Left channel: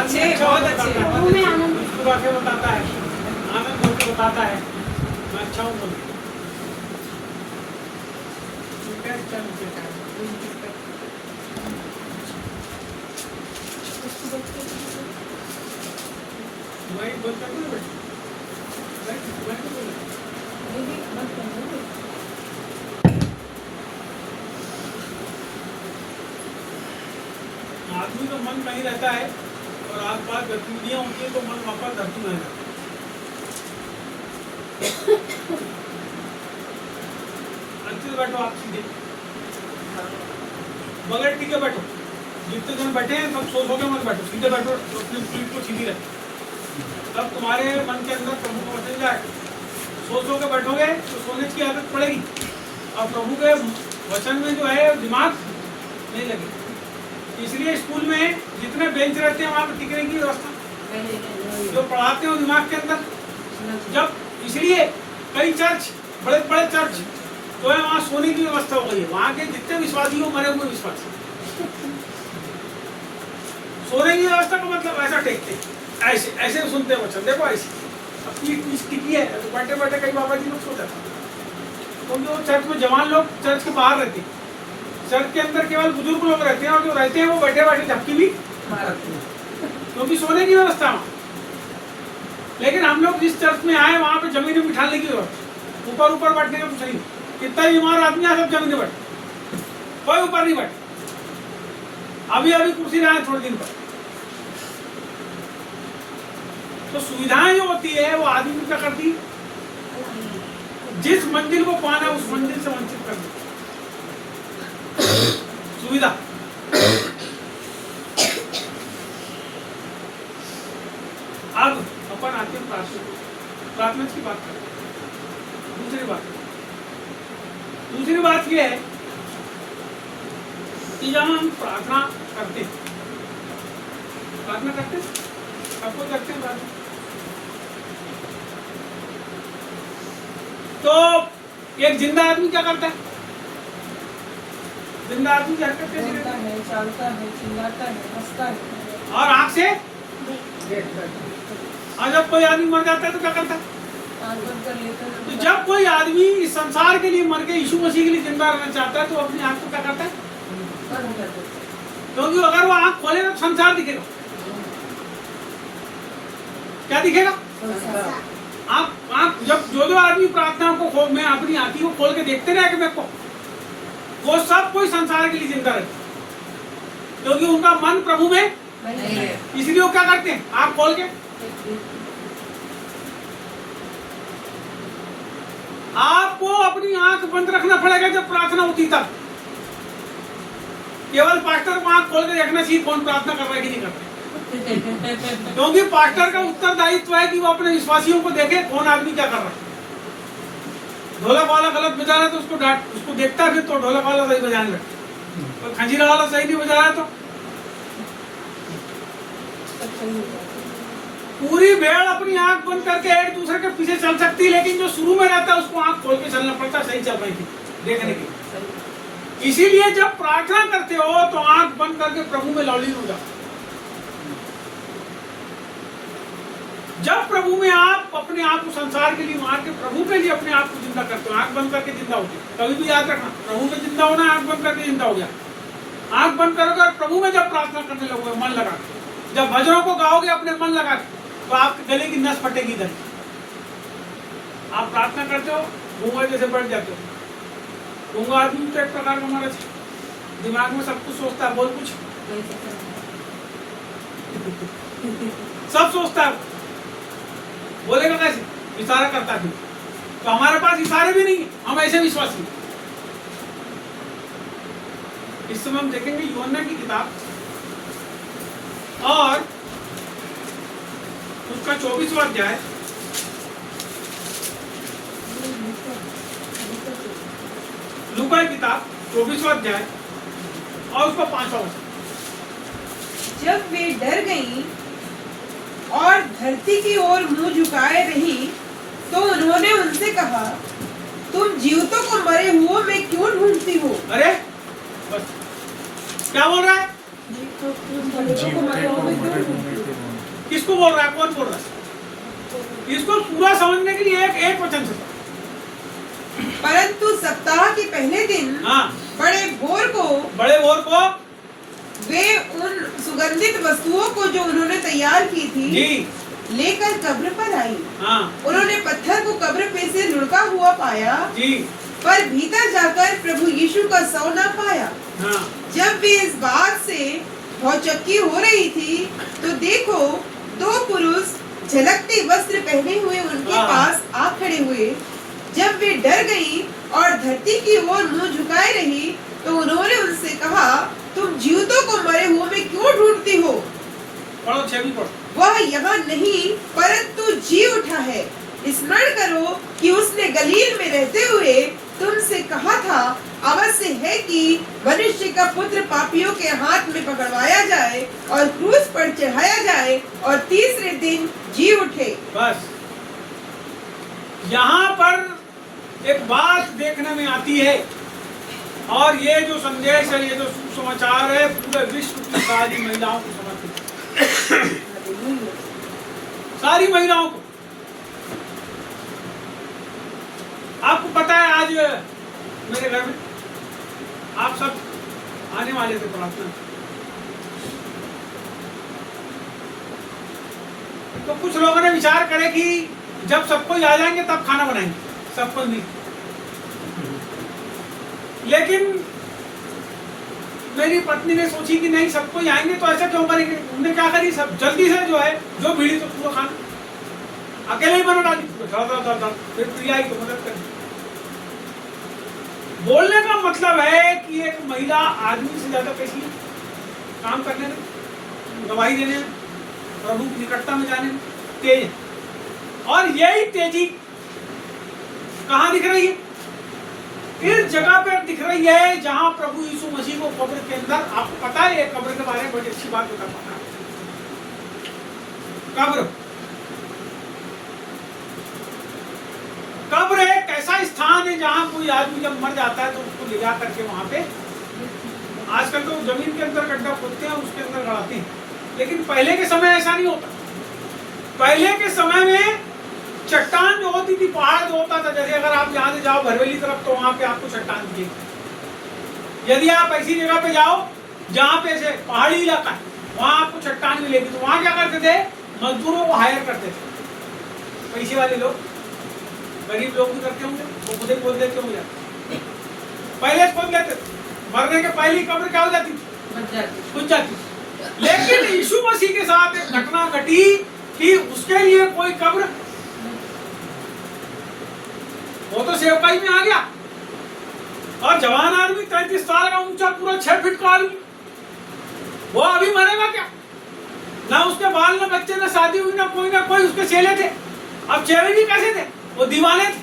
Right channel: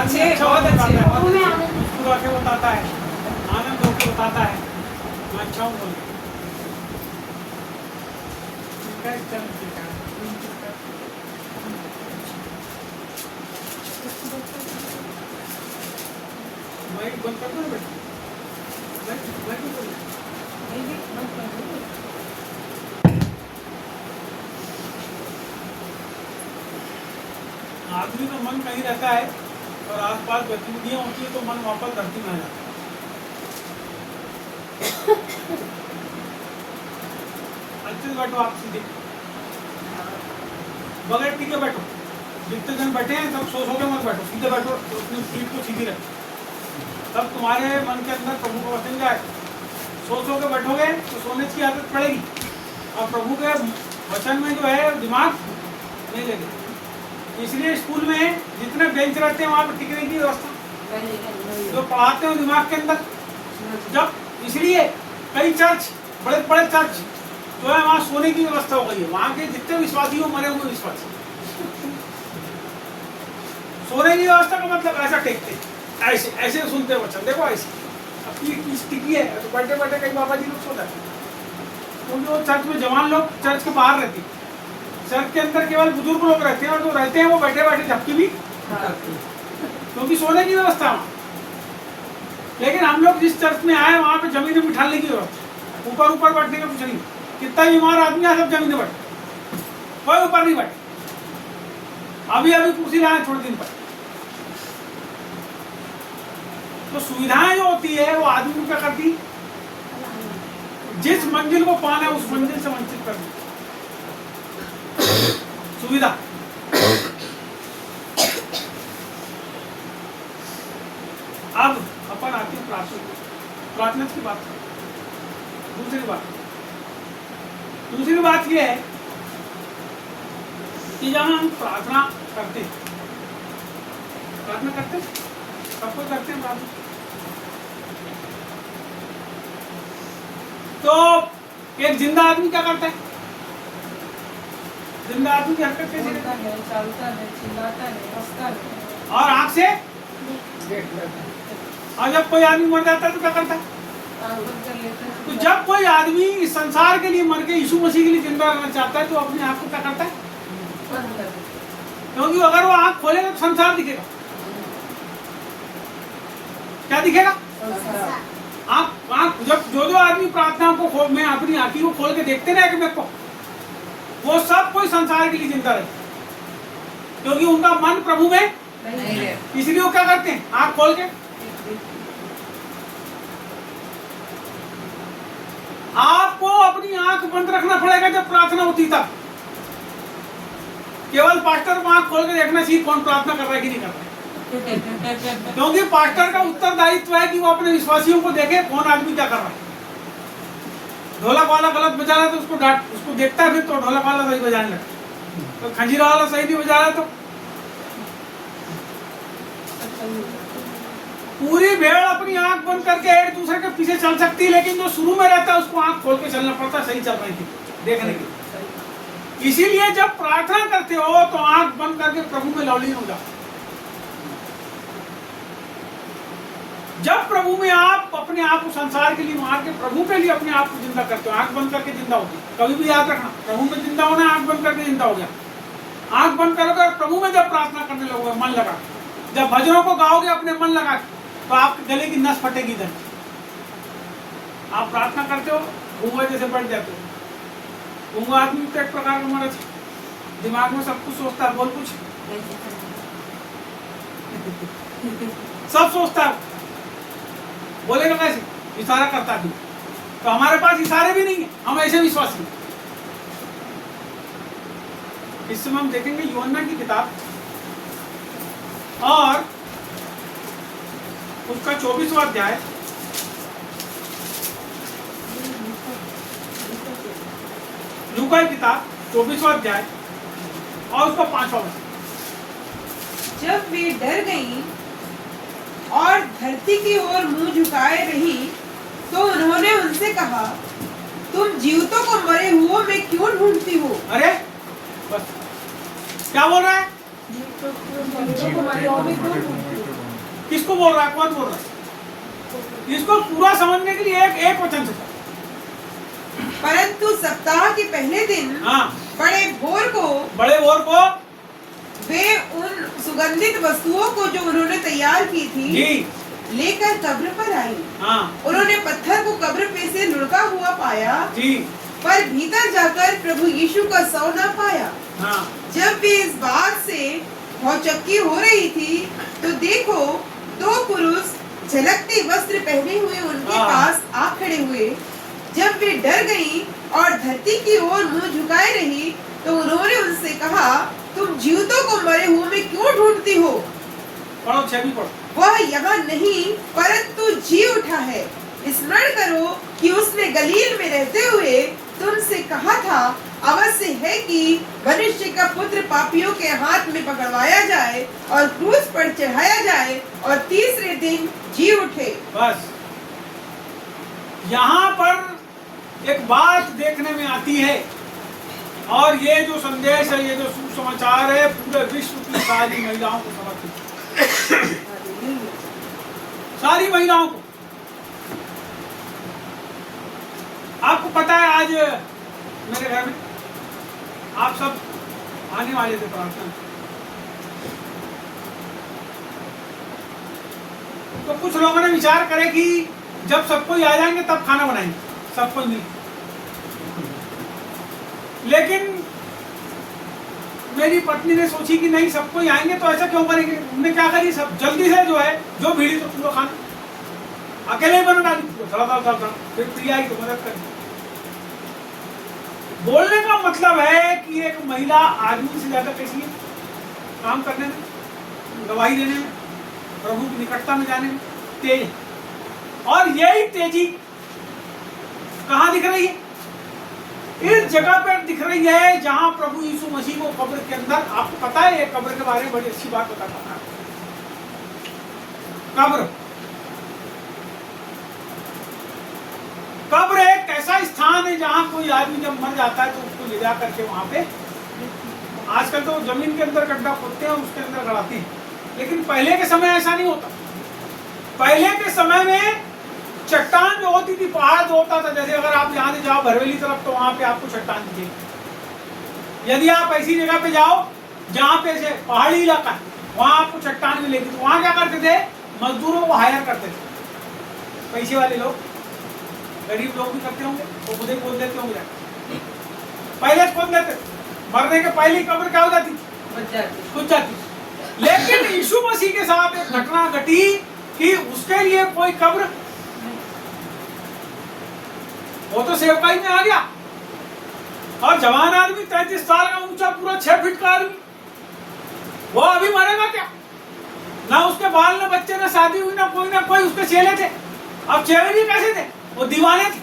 आदमी अच्छा होके बताता है, मुस्कुरा के बताता है, आनंद होके बताता है मैं अच्छा हूँ बोल के। ठीक है, चल ठीक है। मैं बंद कर दूँ बेटा? मैं तो बोल रहा आदमी का मन कहीं रहता है और आसपास गतिविधियां होती है तो मन वापस धरती में आ जाता है। अच्छे से बैठो, आप सीधे बगैर टिके बैठो। जितने जन बैठे हैं सब सो के मत बैठो, सीधे बैठो, अपनी पीठ को सीधी रखो। तब तुम्हारे मन के अंदर प्रभु का वचन जाए। सो के बैठोगे तो सोने की आदत पड़ेगी और प्रभु के वचन में जो है दिमाग नहीं लगेगा। इसलिए स्कूल में जितने बेंच रहते हैं वहाँ पे टिकने की व्यवस्था जो पढ़ाते हैं दिमाग के अंदर। जब इसलिए कई चर्च, बड़े बड़े चर्च जो है वहाँ सोने की व्यवस्था हो गई है। वहाँ के जितने विश्वासी हो मरे हुए विश्वासी, सोने की व्यवस्था का मतलब ऐसा टेकते, ऐसे ऐसे सुनते हैं वचन। देखो ऐसे अपनी पीठ टिकी है तो बैठे बैठे कई बाबा जी लोग सो जाते हैं, क्योंकि वो चर्च में जवान लोग चर्च के बाहर रहते हैं। चर्च के अंदर केवल बुजुर्ग लोग रहते हैं और जो रहते हैं वो बैठे बैठे झपकी भी मारते हैं, क्योंकि सोने की व्यवस्था वहाँ। लेकिन हम लोग जिस चर्च में आए वहाँ पे जमीन में बिठाने की व्यवस्था, ऊपर ऊपर बैठने का कुछ नहीं। कितना बीमार आदमी है सब जमीन में बैठे, कोई ऊपर नहीं बैठे। अभी अभी कुर्सी लाए थोड़े दिन पर। तो सुविधाएं जो होती है वो आदमी को क्या करती, जिस मंजिल को पाना है उस मंजिल से वंचित कर देती सुविधा। अब अपन आते हैं प्रार्थना की बात करें। दूसरी बात यह है कि जब हम प्रार्थना करते हैं सबको करते हैं प्रार्थना, तो एक जिंदा आदमी क्या करता है? जिंदा आदमी की हरकत कैसी रहती है? चलता है, चिल्लाता है, हंसता है और आँख से और जब कोई आदमी मर जाता है तो क्या करता है? तो जब कोई आदमी इस संसार के लिए मर के यीशु मसीह के लिए जिंदा रहना चाहता है तो अपनी आँख को क्या करता है? क्योंकि अगर वो आँख खोलेगा तो संसार दिखेगा। क्या दिखेगा? आँख जब जो आदमी प्रार्थना को में अपनी आँखी को खोल के देखते रहे मेरे को, वो सब कोई संसार के लिए जिंदा रहते, क्योंकि उनका मन प्रभु में नहीं है। इसलिए वो क्या करते हैं? आँख खोल के। आपको अपनी आंख बंद रखना पड़ेगा जब प्रार्थना होती तब। केवल पास्टर को आंख खोल के देखना चाहिए कौन प्रार्थना कर रहा है कि नहीं कर रहा है। क्योंकि पास्टर का उत्तरदायित्व है कि वो अपने विश्वासियों को देखे कौन आदमी क्या कर रहा है। ढोलक वाला गलत बजा रहा है तो उसको डांट, उसको देखता है फिर तो ढोलक वाला सही बजाने लगता है। खंजीरा वाला सही नहीं बजा रहा है तो पूरी भेड़ अपनी आंख बंद करके एक दूसरे के पीछे चल सकती है, लेकिन जो शुरू में रहता है उसको आंख खोल के चलना पड़ता है सही चल रही थी देखने के लिए। इसीलिए जब प्रार्थना करते हो तो आंख बंद करके प्रभु में लवलीन हो जाओ। जब प्रभु में आप अपने आप को संसार के लिए वहां के प्रभु के लिए अपने आप को जिंदा करते हो, आंख बंद करके जिंदा होते हो। कभी भी याद रखना, प्रभु में जिंदा होना है, आंख बंद करके जिंदा हो गया। आंख बंद करोगे और प्रभु में जब प्रार्थना करने लगोगे मन लगा, जब भजनों को गाओगे अपने मन लगा तो आपके गले की नस फटेगी इधर। आप प्रार्थना करते हो गूंगा जैसे बढ़ जाते हो। गूंगा आदमी तो एक प्रकार का मरज है, दिमाग में सब कुछ सोचता है, बोल कुछ सब सोचता है, बोलेगा कैसे? इशारा करता है। तो हमारे पास इशारे भी नहीं है, हम ऐसे विश्वासी। इस समय हम देखेंगे यूहन्ना की किताब और उसका 24वां अध्याय, लूका की किताब 24वां अध्याय और उसका 5वां वचन। जब वे डर गईं और धरती की ओर मुंह झुकाए रही तो उन्होंने उनसे कहा, तुम जीवितों को मरे हुओं में क्यों ढूंढती हो? अरे बस क्या बोल रहा है? किसको बोल रहा है, कौन बोल रहा है? इसको पूरा समझने के लिए एक वचन से पढ़ो। परंतु सप्ताह के पहले दिन हाँ, बड़े भोर को वे उन सुगंधित वस्तुओं को जो उन्होंने तैयार की थी जी, लेकर कब्र पर आई। हाँ उन्होंने पत्थर को कब्र पे से लुढ़का हुआ पाया, जी, पर भीतर जाकर प्रभु यीशु का सौ न पाया। हाँ जब वे इस बात से भौचक्की हो रही थी, तो देखो दो पुरुष झलकते वस्त्र पहने हुए उनके हाँ। पास आ खड़े हुए। जब वे डर गईं और धरती की ओर मुंह झुकाए रही, तो उन्होंने उनसे कहा, तुम जीवितों को मरे हुए में क्यों ढूंढती हो? पढ़ो, 6 भी पढ़ो। वह यहाँ नहीं परंतु जी उठा है। स्मरण करो कि उसने गलील में रहते हुए तुमसे कहा था, अवश्य है कि मनुष्य का पुत्र पापियों के हाथ में पकड़वाया जाए और क्रूस पर चढ़ाया जाए और तीसरे दिन जी उठे। बस यहाँ पर एक बात देखने में आती है, और ये जो संदेश है, ये जो सुसमाचार है, पूरे विश्व की सारी महिलाओं को समर्पित है। सारी महिलाओं को। आपको पता है आज मेरे घर में आप सब आने वाले थे प्रार्थना में, तो कुछ लोगों ने विचार करे कि जब सब कोई आ जाएंगे तब खाना बनाएंगे, सब कोई नहीं। लेकिन मेरी पत्नी ने सोची कि नहीं, सब कोई आएंगे तो ऐसा क्यों करेंगे। उन्होंने क्या करी, सब जल्दी से जो है जो भीड़ी तो पूरा खाना अकेले ही बना डाली, फिर प्रिया ही तो मदद करी। बोलने का मतलब है कि एक महिला आदमी से ज्यादा कैसी है काम करने में, गवाही देने में, प्रभु की निकटता में जाने में तेज है। और यही तेजी कहाँ दिख रही है? इस जगह पर दिख रही है जहां प्रभु यीशु मसीह को कब्र के अंदर, आपको पता है, कब्र के बारे में बड़ी अच्छी बात बता पाऊंगा। कब्र एक ऐसा स्थान है जहां कोई आदमी जब मर जाता है तो उसको ले जा करके वहां पे, आजकल तो जमीन के अंदर गड्ढा खोदते हैं और उसके अंदर गड़ाते हैं, लेकिन पहले के समय ऐसा नहीं होता। पहले के समय में चट्टान जो होती थी, पहाड़ जो होता था, जैसे अगर आप यहाँ से जाओ भरवेली तरफ तो वहां पे आपको चट्टान दिखेगी। यदि आप ऐसी जगह पे जाओ जहाँ पे से पहाड़ी इलाका वहां आपको चट्टान मिलेगी, तो वहां क्या करते थे, मजदूरों को हायर करते थे। पैसे वाले लोग, गरीब लोग भी करते होंगे, वो खुद ही खोद देते होंगे, पहले खोद लेते, मरने के पहले ही कब्र क्या हो जाती, बुझ जाती। लेकिन यीशु मसीह के साथ एक घटना घटी कि उसके लिए कोई कब्र, वो तो सेवकाई में आ गया, और जवान आदमी 33 साल का ऊंचा, पूरा 6 फीट का आदमी, वो अभी मरेगा क्या? ना उसके बाल, ना बच्चे, ना शादी हुई, ना कोई उसके चेले थे। अब चेले भी कैसे थे, वो दीवाने थे,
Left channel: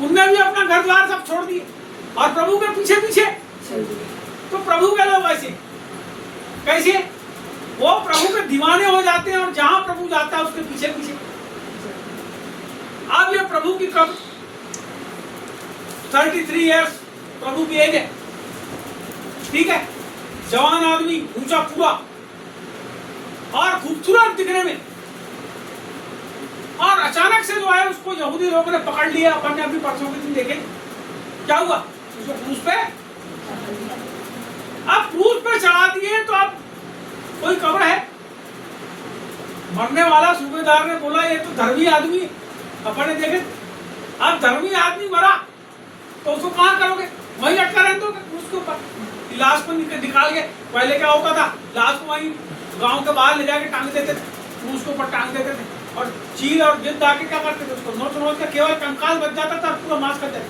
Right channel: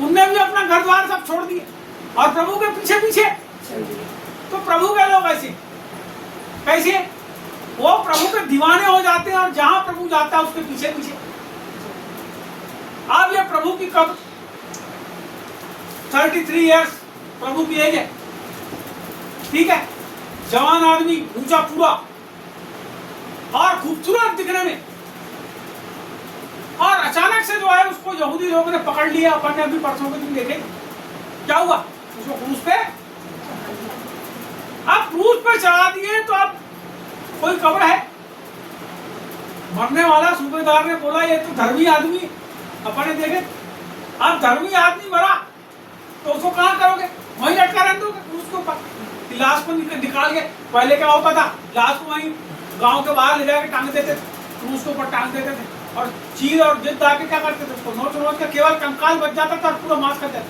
उनने भी अपना घर द्वार सब छोड़ दिए और प्रभु के पीछे पीछे। तो प्रभु के लोग ऐसे कैसे, वो प्रभु के दीवाने हो जाते हैं और जहां प्रभु जाता है उसके पीछे पीछे। अब ये प्रभु की कब्र, 33 इयर्स प्रभु की एज है, ठीक है, जवान आदमी, ऊंचा पूरा और खूबसूरत दिखने में, और अचानक से जो है उसको यहूदी लोगों ने पकड़ लिया। अपन ने अभी परसों के दिन देखे क्या हुआ, उसको क्रूस पे, अब क्रूस पे चढ़ा दिए। तो अब कोई कब्र है, मरने वाला सूबेदार ने बोला ये तो धर्मी आदमी, अपन ने देखे, अब धर्मी आदमी मरा तो उसको कहाँ करोगे, वहीं लटका रहने दोगे क्रूस के ऊपर, लाश को निकाल के। पहले क्या होता था, लाश को वहीं गांव के बाहर ले जाके टांग देते थे, क्रूस के ऊपर टांग देते थे, और चीर और जिद आके क्या करते थे, उसको नोच नोच के केवल कंकाल बच जाता था और पूरा मांस खा जाता।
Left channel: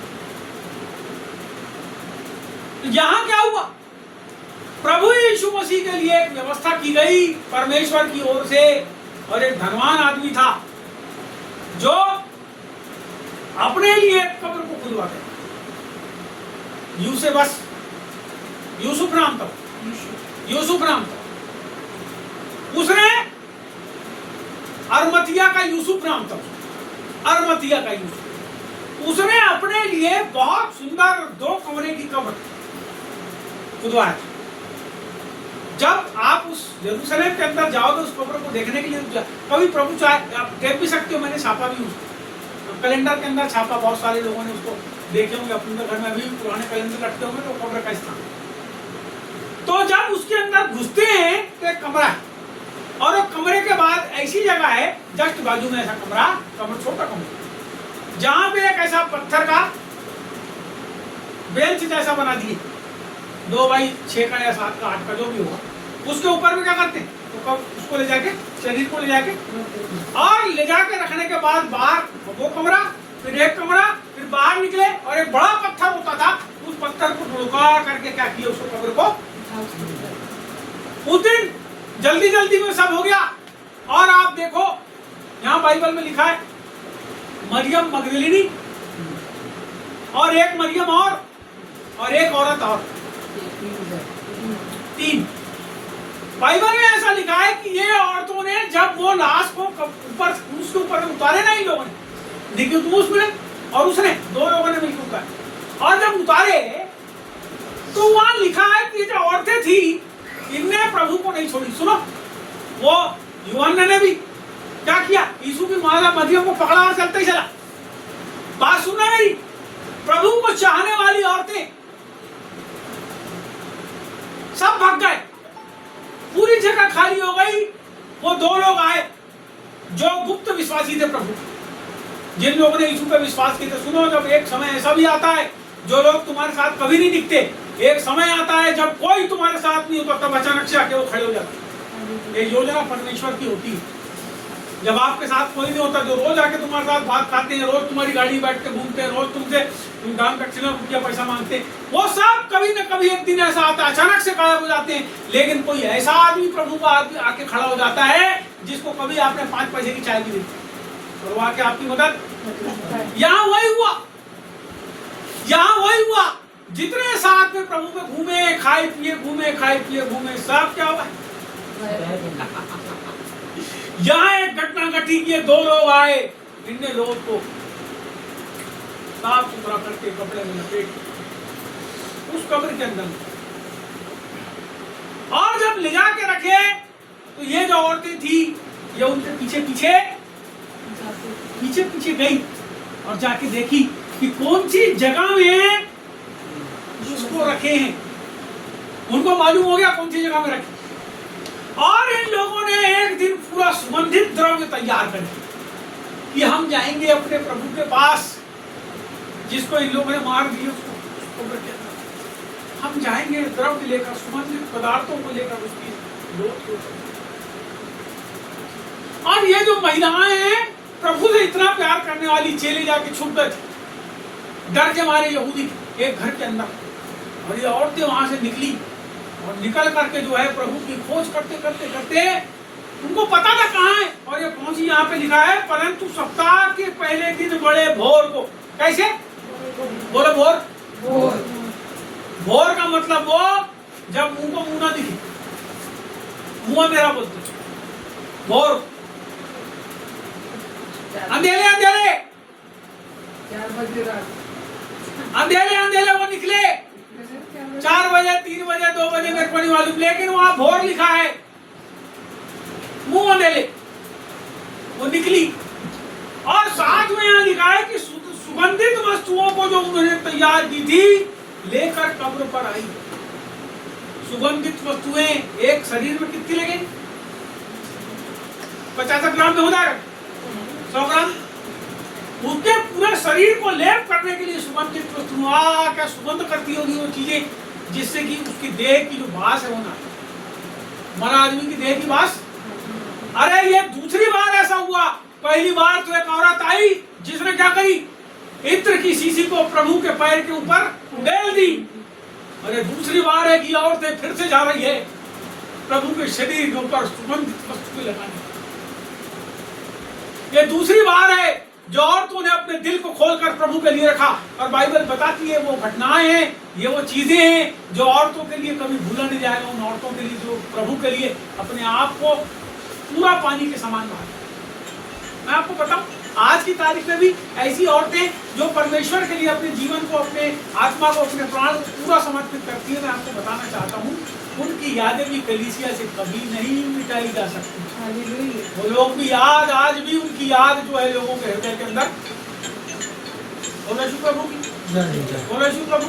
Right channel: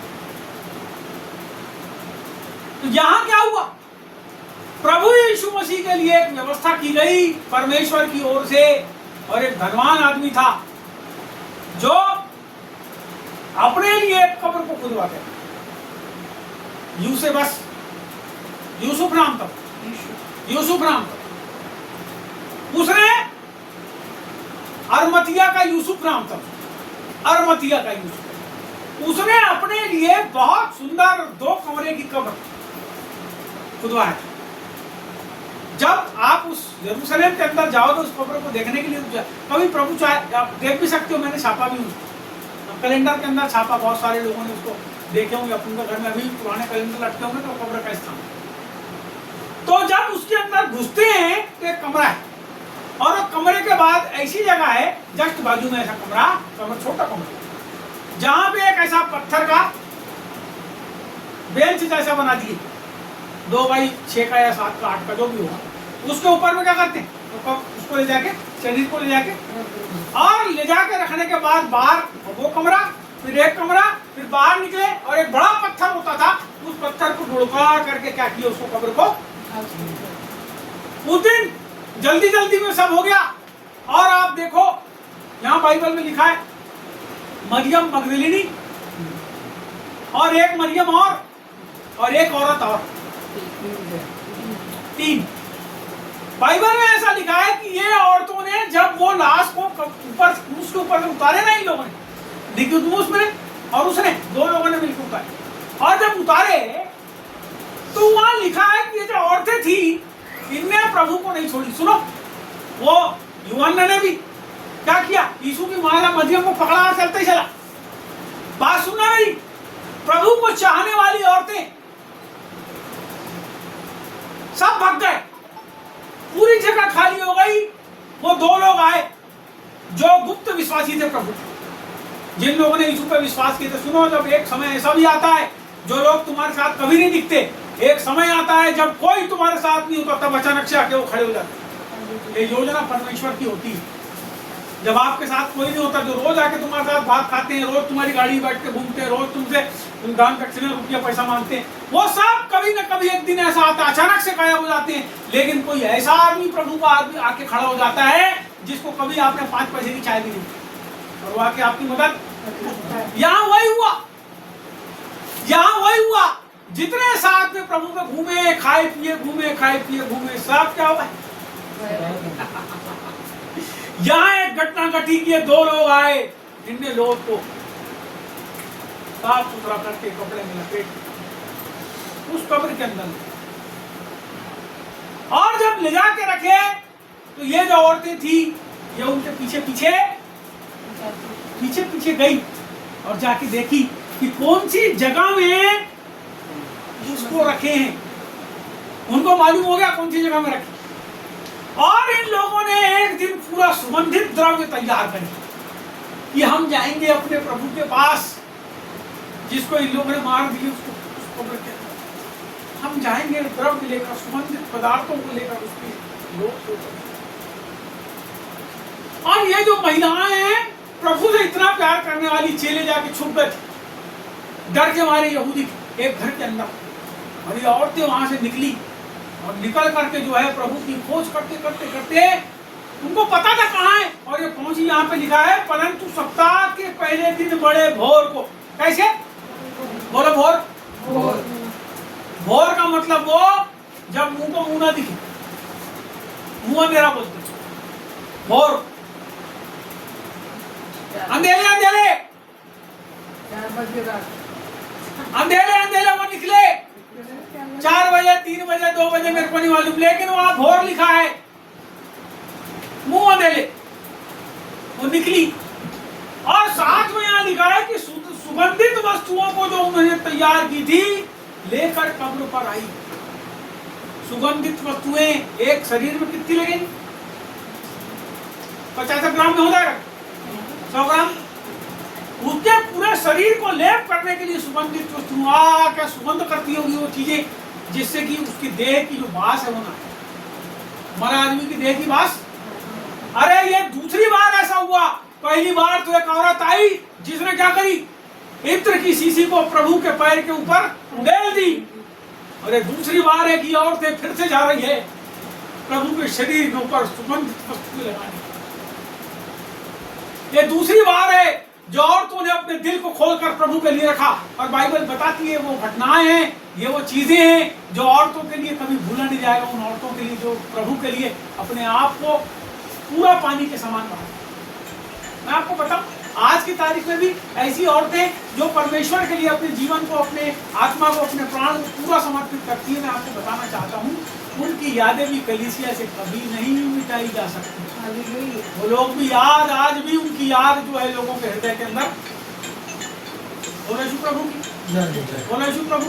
तो यहाँ क्या हुआ, प्रभु यीशु मसीह के लिए एक व्यवस्था की गई परमेश्वर की ओर से, और एक धनवान आदमी था जो अपने लिए एक कब्र को खुदवाते, यूसुफ नाम था, यूसुफ नाम था उसने, अरमतिया का यूसुफ नाम था, अरमतिया का यूसुफ, उसने अपने लिए बहुत सुंदर 2 कमरे की कब्र खुदवाया था। जब आप उस यरूशलेम के अंदर जाओ तो उस कब्र को देखने के लिए कभी प्रभु चाहे आप देख भी सकते हो, मैंने छापा भी उसको, कैलेंडर के अंदर छापा, बहुत सारे लोगों ने उसको देखे होंगे, अपने घर में अभी भी पुराने कैलेंडर लटके होंगे तो कब्र का स्थान। तो जब उसके अंदर घुसते हैं तो एक कमरा है, और वो कमरे के बाद ऐसी जगह है जस्ट बाजू में ऐसा कमरा छोटा कमरा, जहां पे एक ऐसा पत्थर का बेंच जैसा बना दिए, 2 बाई 6 का या 7 का 8 का जो भी होगा, उसके ऊपर में क्या करते हैं तो उसको ले जाके, शरीर को ले जाके और ले जाके रखने के बाद बाहर वो कमरा, फिर एक कमरा, फिर बाहर निकले और एक बड़ा पत्थर होता था, उस पत्थर को ढुड़का करके क्या किया, उसको कब्र को उस दिन जल्दी जल्दी में सब हो गया। और आप देखो यहाँ बाइबल में लिखा है मरियम मगदलिनी और एक मरियम और एक औरत और 3 बाइबल में ऐसा लिखा है कि ये औरतों ने जब वो लाश को ऊपर उसके ऊपर में उतारे ना, इन लोगों ने निकोदेमुस में और उसने 2 लोगों ने मिलकर उतारे, और जब उतारे तो वहां लिखा है कि ये जो औरतें थी इनने प्रभु को नहीं छोड़ी। सुनो, वो यूहन्ना ने भी क्या किया, यीशु की माला मरियम को पकड़ा और चलते ही चला। बात सुनना मेरी, प्रभु को चाहने वाली औरतें सब भाग गए, पूरी जगह खाली हो गई। वो 2 लोग आए जो गुप्त विश्वासी थे प्रभु, जिन लोगों ने यीशु पर विश्वास किया था। सुनो, जब एक समय ऐसा भी आता है जो लोग तुम्हारे साथ कभी नहीं दिखते, एक समय आता है जब कोई तुम्हारे साथ नहीं होता, तब अचानक से आके वो खड़े हो जाते हैं। ये योजना परमेश्वर की होती है। जब आपके साथ कोई नहीं होता, जो रोज आके तुम्हारे साथ भात खाते हैं, रोज तुम्हारी गाड़ी बैठ के घूमते हैं, रोज तुमसे दान दक्षिणा रुपया पैसा मांगते हैं, वो सब कभी न कभी एक दिन ऐसा आता है अचानक से गायब हो जाते हैं। लेकिन कोई ऐसा आदमी प्रभु का आदमी आके खड़ा हो जाता है जिसको कभी आपने 5 पैसे की चाय भी दी, और वो आके आपकी मदद। यहाँ वही हुआ, यहाँ वही हुआ। जितने साथ में प्रभु में घूमे खाए पिए घूमे, सब क्या हुआ, यहाँ एक घटना घटी कि 2 लोग आए, इनने लोग को साफ सुथरा करके कपड़े में लपेट उस कब्र के अंदर, और जब ले जाके रखे तो ये जो औरतें थी ये उनके पीछे गई और जाके देखी कि कौन सी जगह में उसको रखे हैं। उनको मालूम हो गया कौन सी जगह में रखे, और इन लोगों ने एक दिन पूरा सुगंधित द्रव्य तैयार करे कि हम जाएंगे अपने प्रभु के पास, जिसको इन लोगों ने मार दिया उसको कब्र के अंदर, हम जाएंगे द्रव्य लेकर, सुगंधित पदार्थों को लेकर उसकी लोथ को। और ये जो महिलाएं हैं प्रभु से इतना प्यार करने वाली, चेले जाके छुप गए थे डर के मारे यहूदी एक घर के अंदर, और ये औरतें वहां से निकली और निकल करके जो है प्रभु की खोज करते करते करते उनको पता था कहाँ है, और ये पहुंची। यहाँ पे लिखा है परंतु सप्ताह के पहले दिन बड़े भोर को। कैसे बोलो? भोर। भोर का मतलब वो जब मुंह को मुंह ना दिखे, मुंह अंधेरा बोलते, भोर अंधेरे 4 बजे रात अंधेरे वो निकले 4 बजे 3 बजे 2 बजे मेरे को नहीं मालूम, लेकिन वहां भोर लिखा है, मुंह अंधेरे वो निकली। और साथ में यहाँ लिखा है कि सुगंधित वस्तुओं को जो उन्होंने तैयार की थी लेकर कब्र पर आई। सुगंधित वस्तुएं एक शरीर में कितनी लगेंगी? 50 ग्राम में हो जाएगा, 100 ग्राम। उसके पूरे शरीर को लेप करने के लिए सुगंधित वस्तुएं क्या सुगंध करती होगी वो चीजें, जिससे कि उसकी देह की जो बास है वो ना, मरा आदमी की देह की बास। अरे ये दूसरी बार ऐसा हुआ। पहली बार तो एक औरत आई जिसने क्या करी, इत्र की शीशी को प्रभु के पैर के ऊपर उड़ेल दी। अरे दूसरी बार है कि औरतें फिर से जा रही है प्रभु के शरीर के ऊपर सुगंधित वस्तुएं लगाने। ये दूसरी बार है जो औरतों ने अपने दिल को खोलकर प्रभु के लिए रखा। और बाइबल बताती है वो घटनाएं हैं, ये वो चीजें हैं जो औरतों के लिए कभी भूला नहीं जाएगा। उन औरतों के लिए जो प्रभु के लिए अपने आप को पूरा पानी के समान बहा। मैं आपको बताऊं, आज की तारीख में भी ऐसी औरतें जो परमेश्वर के लिए अपने जीवन को, अपने आत्मा को, अपने प्राण को पूरा समर्पित करती है। मैं आपको बताना चाहता हूं उनकी यादें भी कलीसिया से कभी नहीं मिटाई जा सकती। हालेलुया। वो लोग भी याद, आज भी उनकी याद जो है लोगों के हृदय के अंदर। बोलो यीशु प्रभु की, बोलो यीशु प्रभु।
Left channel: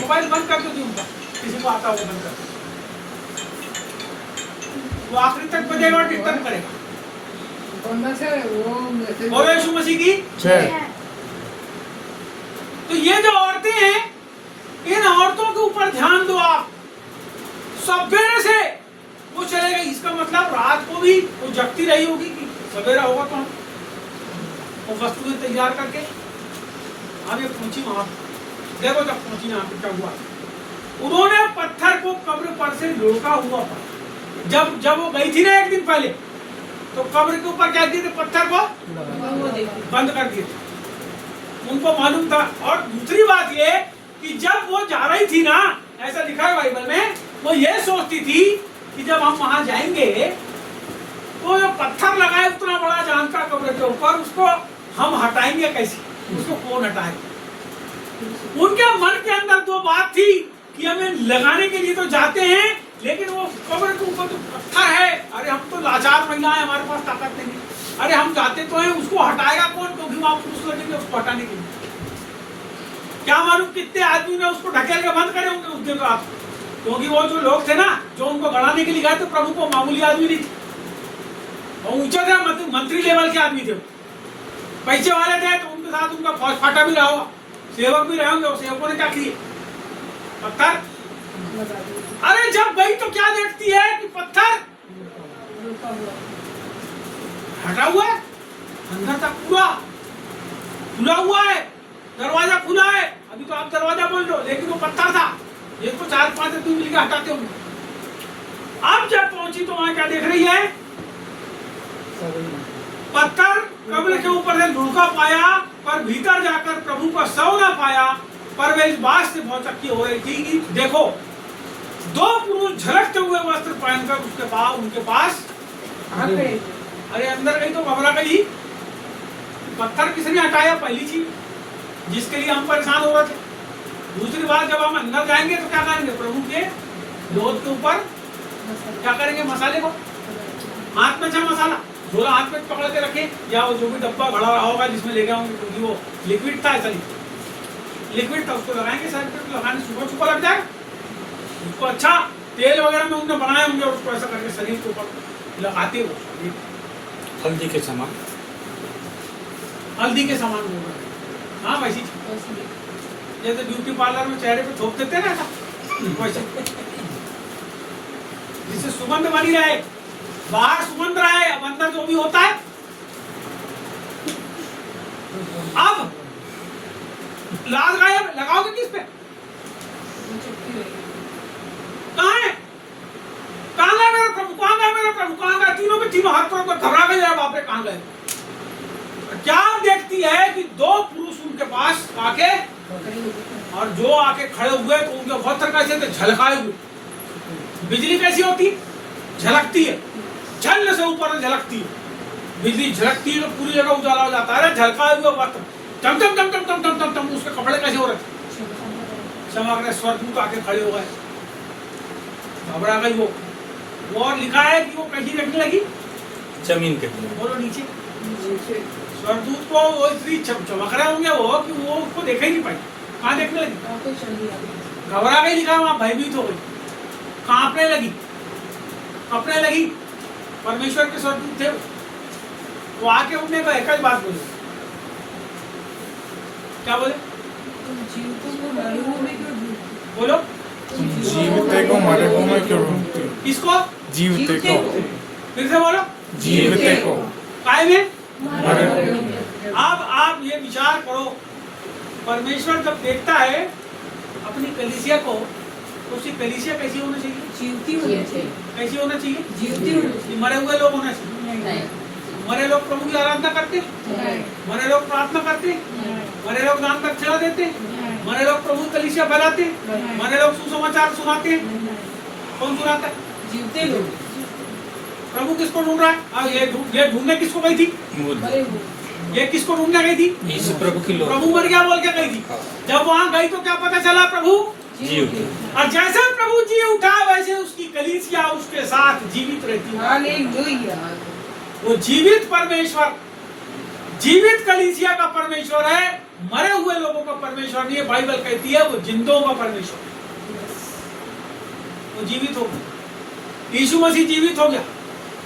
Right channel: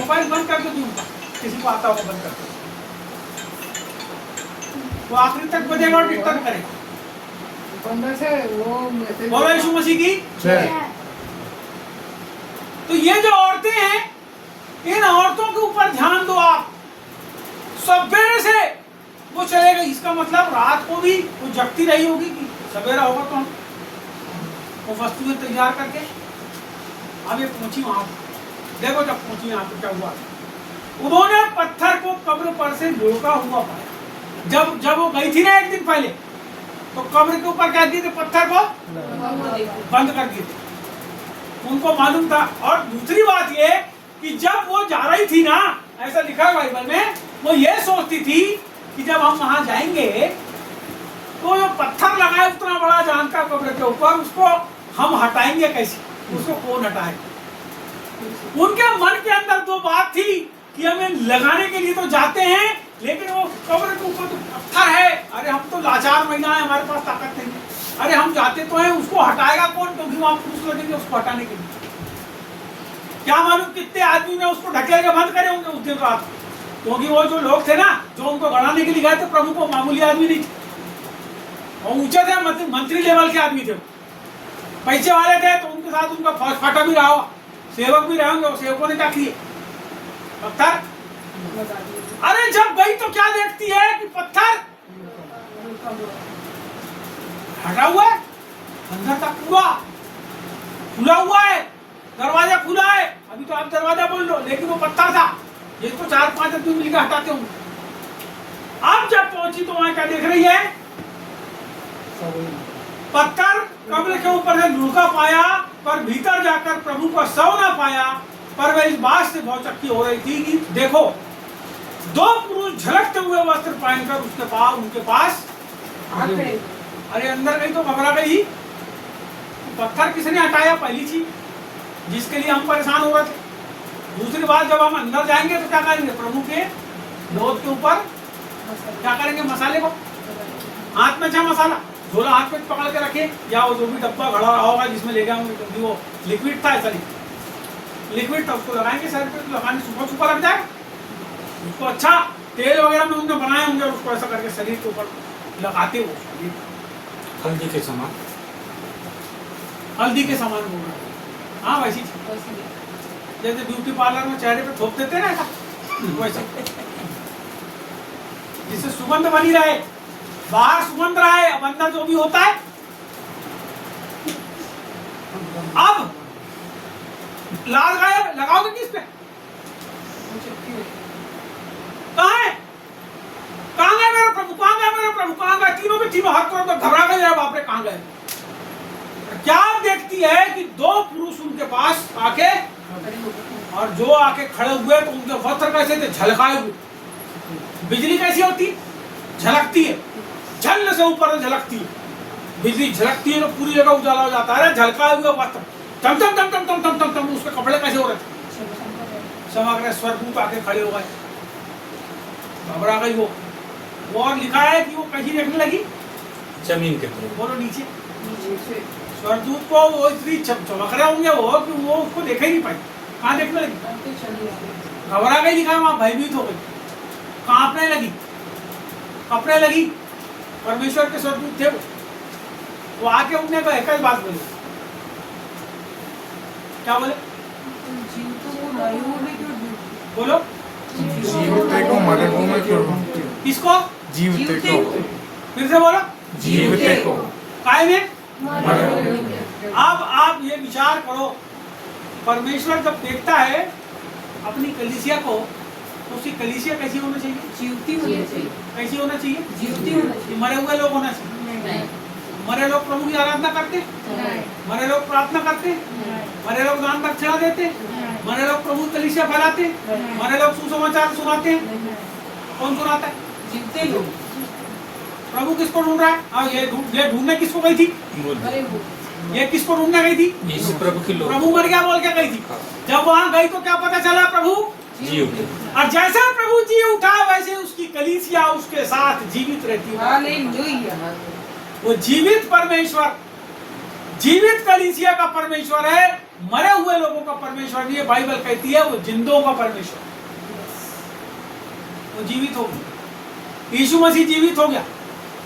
मोबाइल बंद कर दो जी उनका, किसी को आता होगा बंद कर दो। वो आखिरी तक बजेगा और डिस्टर्ब करेगा। बोलो यीशु मसीह की। तो ये जो औरतें हैं, इन औरतों के ऊपर ध्यान दो आप। सवेरे से वो चले गई, इसका मतलब रात को भी वो जगती रही होगी कि सवेरा होगा तो हम वो वस्तुएं तैयार करके आगे पहुंची वहां। देखो जब पहुंची यहाँ पे क्या हुआ, उन्होंने पत्थर को कब्र पर से लुढ़का हुआ पाया। जब वो गई थी ना एक दिन पहले, तो कब्र के ऊपर क्या दिए थे, पत्थर को बंद कर दिए थे। उनको मालूम था। और दूसरी बात ये कि जब वो जा रही थी ना, ऐसा लिखा है बाइबल में, वो ये सोचती थी कि जब हम वहां जाएंगे तो जो पत्थर लगा है उतना बड़ा जान का कब्र के ऊपर, उसको हम हटाएंगे कैसे, उसको कौन हटाएगा। उनके मन के अंदर दो बात थी कि हमें लगाने के लिए तो जाते हैं, लेकिन वो कब्र के ऊपर तो पत्थर है। अरे हम तो लाचार महिलाएं, हमारे पास ताकत नहीं है। अरे हम जाते तो हैं, उसको हटाएगा कौन, क्योंकि वहां पुरुष लगेंगे उसको हटाने के लिए। क्या मालूम कितने आदमी ने उसको ढकेल के बंद करे होंगे उस दिन रात, क्योंकि वो जो लोग थे ना, जो उनको गड़ाने के लिए गए थे प्रभु को, मामूली आदमी नहीं थे, और ऊंचे थे, मंत्री लेवल के आदमी थे, पैसे वाले थे। तो उनके साथ उनका फौज फाटा भी रहा होगा, सेवक भी रहे होंगे। और सेवकों ने क्या किए, पत्थर। अरे जब गई तो क्या देखती है कि पत्थर हटा हुआ है, अंदर तक पूरा खुला हुआ है, दरवाजा खुला है। अभी तो आप दरवाजा बोल लो, लेकिन वो पत्थर था, जिसको 4-5 आदमी मिलकर हटाते होंगे। अब जब पहुंची तो वहां क्या देख रही है, पत्थर कब्र के ऊपर से लुढ़का पाया, पर भीतर जाकर प्रभु का शव ना पाया। पर वे इस बात से बहुत चक्की हो रही थी कि देखो, दो पुरुष झलकते हुए वस्त्र पहनकर उसके पास, उनके पास आ गए। अरे अंदर गई तो घबरा गई। पत्थर किसने हटाया, पहली चीज जिसके लिए हम परेशान हो रहे थे। दूसरी बात, जब हम अंदर जाएंगे तो क्या करेंगे, प्रभु के लोथ के ऊपर क्या करेंगे, मसाले को हाथ में, अच्छा मसाला झोला हाथ में पकड़ के रखे, या वो जो भी डब्बा घड़ा रहा होगा जिसमें ले गए होंगे, क्योंकि वो लिक्विड था, ऐसा लिक्विड था, उसको लगाएंगे सर पे, लगाने सुपर लग जाएगा उसको। अच्छा तेल वगैरह में उन्होंने बनाए होंगे, उसको ऐसा करके शरीर के ऊपर लगाते हो। हल्दी के समान, हल्दी के समान बोल रहा है। हाँ वैसी जैसे ब्यूटी पार्लर में चेहरे पे थोप देते ना, वैसे जिससे सुगंध बनी रहे, बाहर सुगंध रहे, अब अंदर जो भी होता है। अब लाल गायब लगाओगे किस पे, कहाँ है, कहाँ गए मेरे प्रभु, कहाँ गए मेरे प्रभु, कहाँ गए। तीनों में तीनों हाथ पर घबरा गए, बाप रे कहाँ गए। क्या देखती है कि दो पुरुष उनके पास आके, और जो आके खड़े हुए तो उनके वस्त्र कैसे थे, झलकाए हुए। बिजली कैसी होती, झलकती है, झल से ऊपर झलकती है। बिजली झलकती है तो पूरी जगह उजाला हो जाता है। झलकाए हुए वस्त्र, टम टम टम टम टम टम टम टम, उसके कपड़े कैसे हो रहे थे, चमक रहे। स्वर्गदूत आके खड़े हो गए, घबरा गई वो। और लिखा है कि वो कहीं देखने लगी जमीन के ऊपर, बोलो नीचे। स्वर्गदूत को वो इतनी चमक रहे होंगे वो कि वो उसको देखा ही नहीं पाई, कहाँ देखने लगी, घबरा गई। लिखा वहां भयभीत हो गई, कांपने लगी, कपड़े लगी। परमेश्वर के स्वर्गदूत थे वो आके उन्हें को एक ही बात बोली, क्या बोले, बोलो जीविते को मरे हुए में क्यों ढूंढती हो? किसको, जीविते को, फिर से बोलो, जीविते को काय में। मरे हुए में। अब आप ये विचार करो, परमेश्वर जब देखता है अपनी कलीसिया को, तो उसकी कलीसिया कैसी होना चाहिए, जीवती होनी चाहिए। कैसी होना चाहिए, जीवती होनी चाहिए। मरे हुए लोग होना चाहिए। मरे लोग प्रभु की आराधना करते, मरे लोग प्रार्थना करते, मरे लोग दान दक्षिणा देते, मरे लोग प्रभु कलीसिया फैलाते, मरे लोग सुसमाचार सुनाते। कौन सुनाता है, जीवते लोग। प्रभु किसको ढूंढ रहा है, ये ढूंढने किसको गई थी, ये किसको ढूंढने गई थी, यीशु प्रभु की लोग। प्रभु मर गया बोल के गई थी। जब वहां गई तो क्या पता चला, प्रभु जी उठे। और जैसे प्रभु जी उठा वैसे उसकी कलीसिया उसके साथ जीवित रहती है। हालेलुया। वो जीवित परमेश्वर, जीवित कलीसिया का परमेश्वर है, मरे हुए लोगों का परमेश्वर नहीं है। बाइबल कहती है वो जिंदों का परमेश्वर, वो जीवित हो गया। यीशु मसीह जीवित हो गया,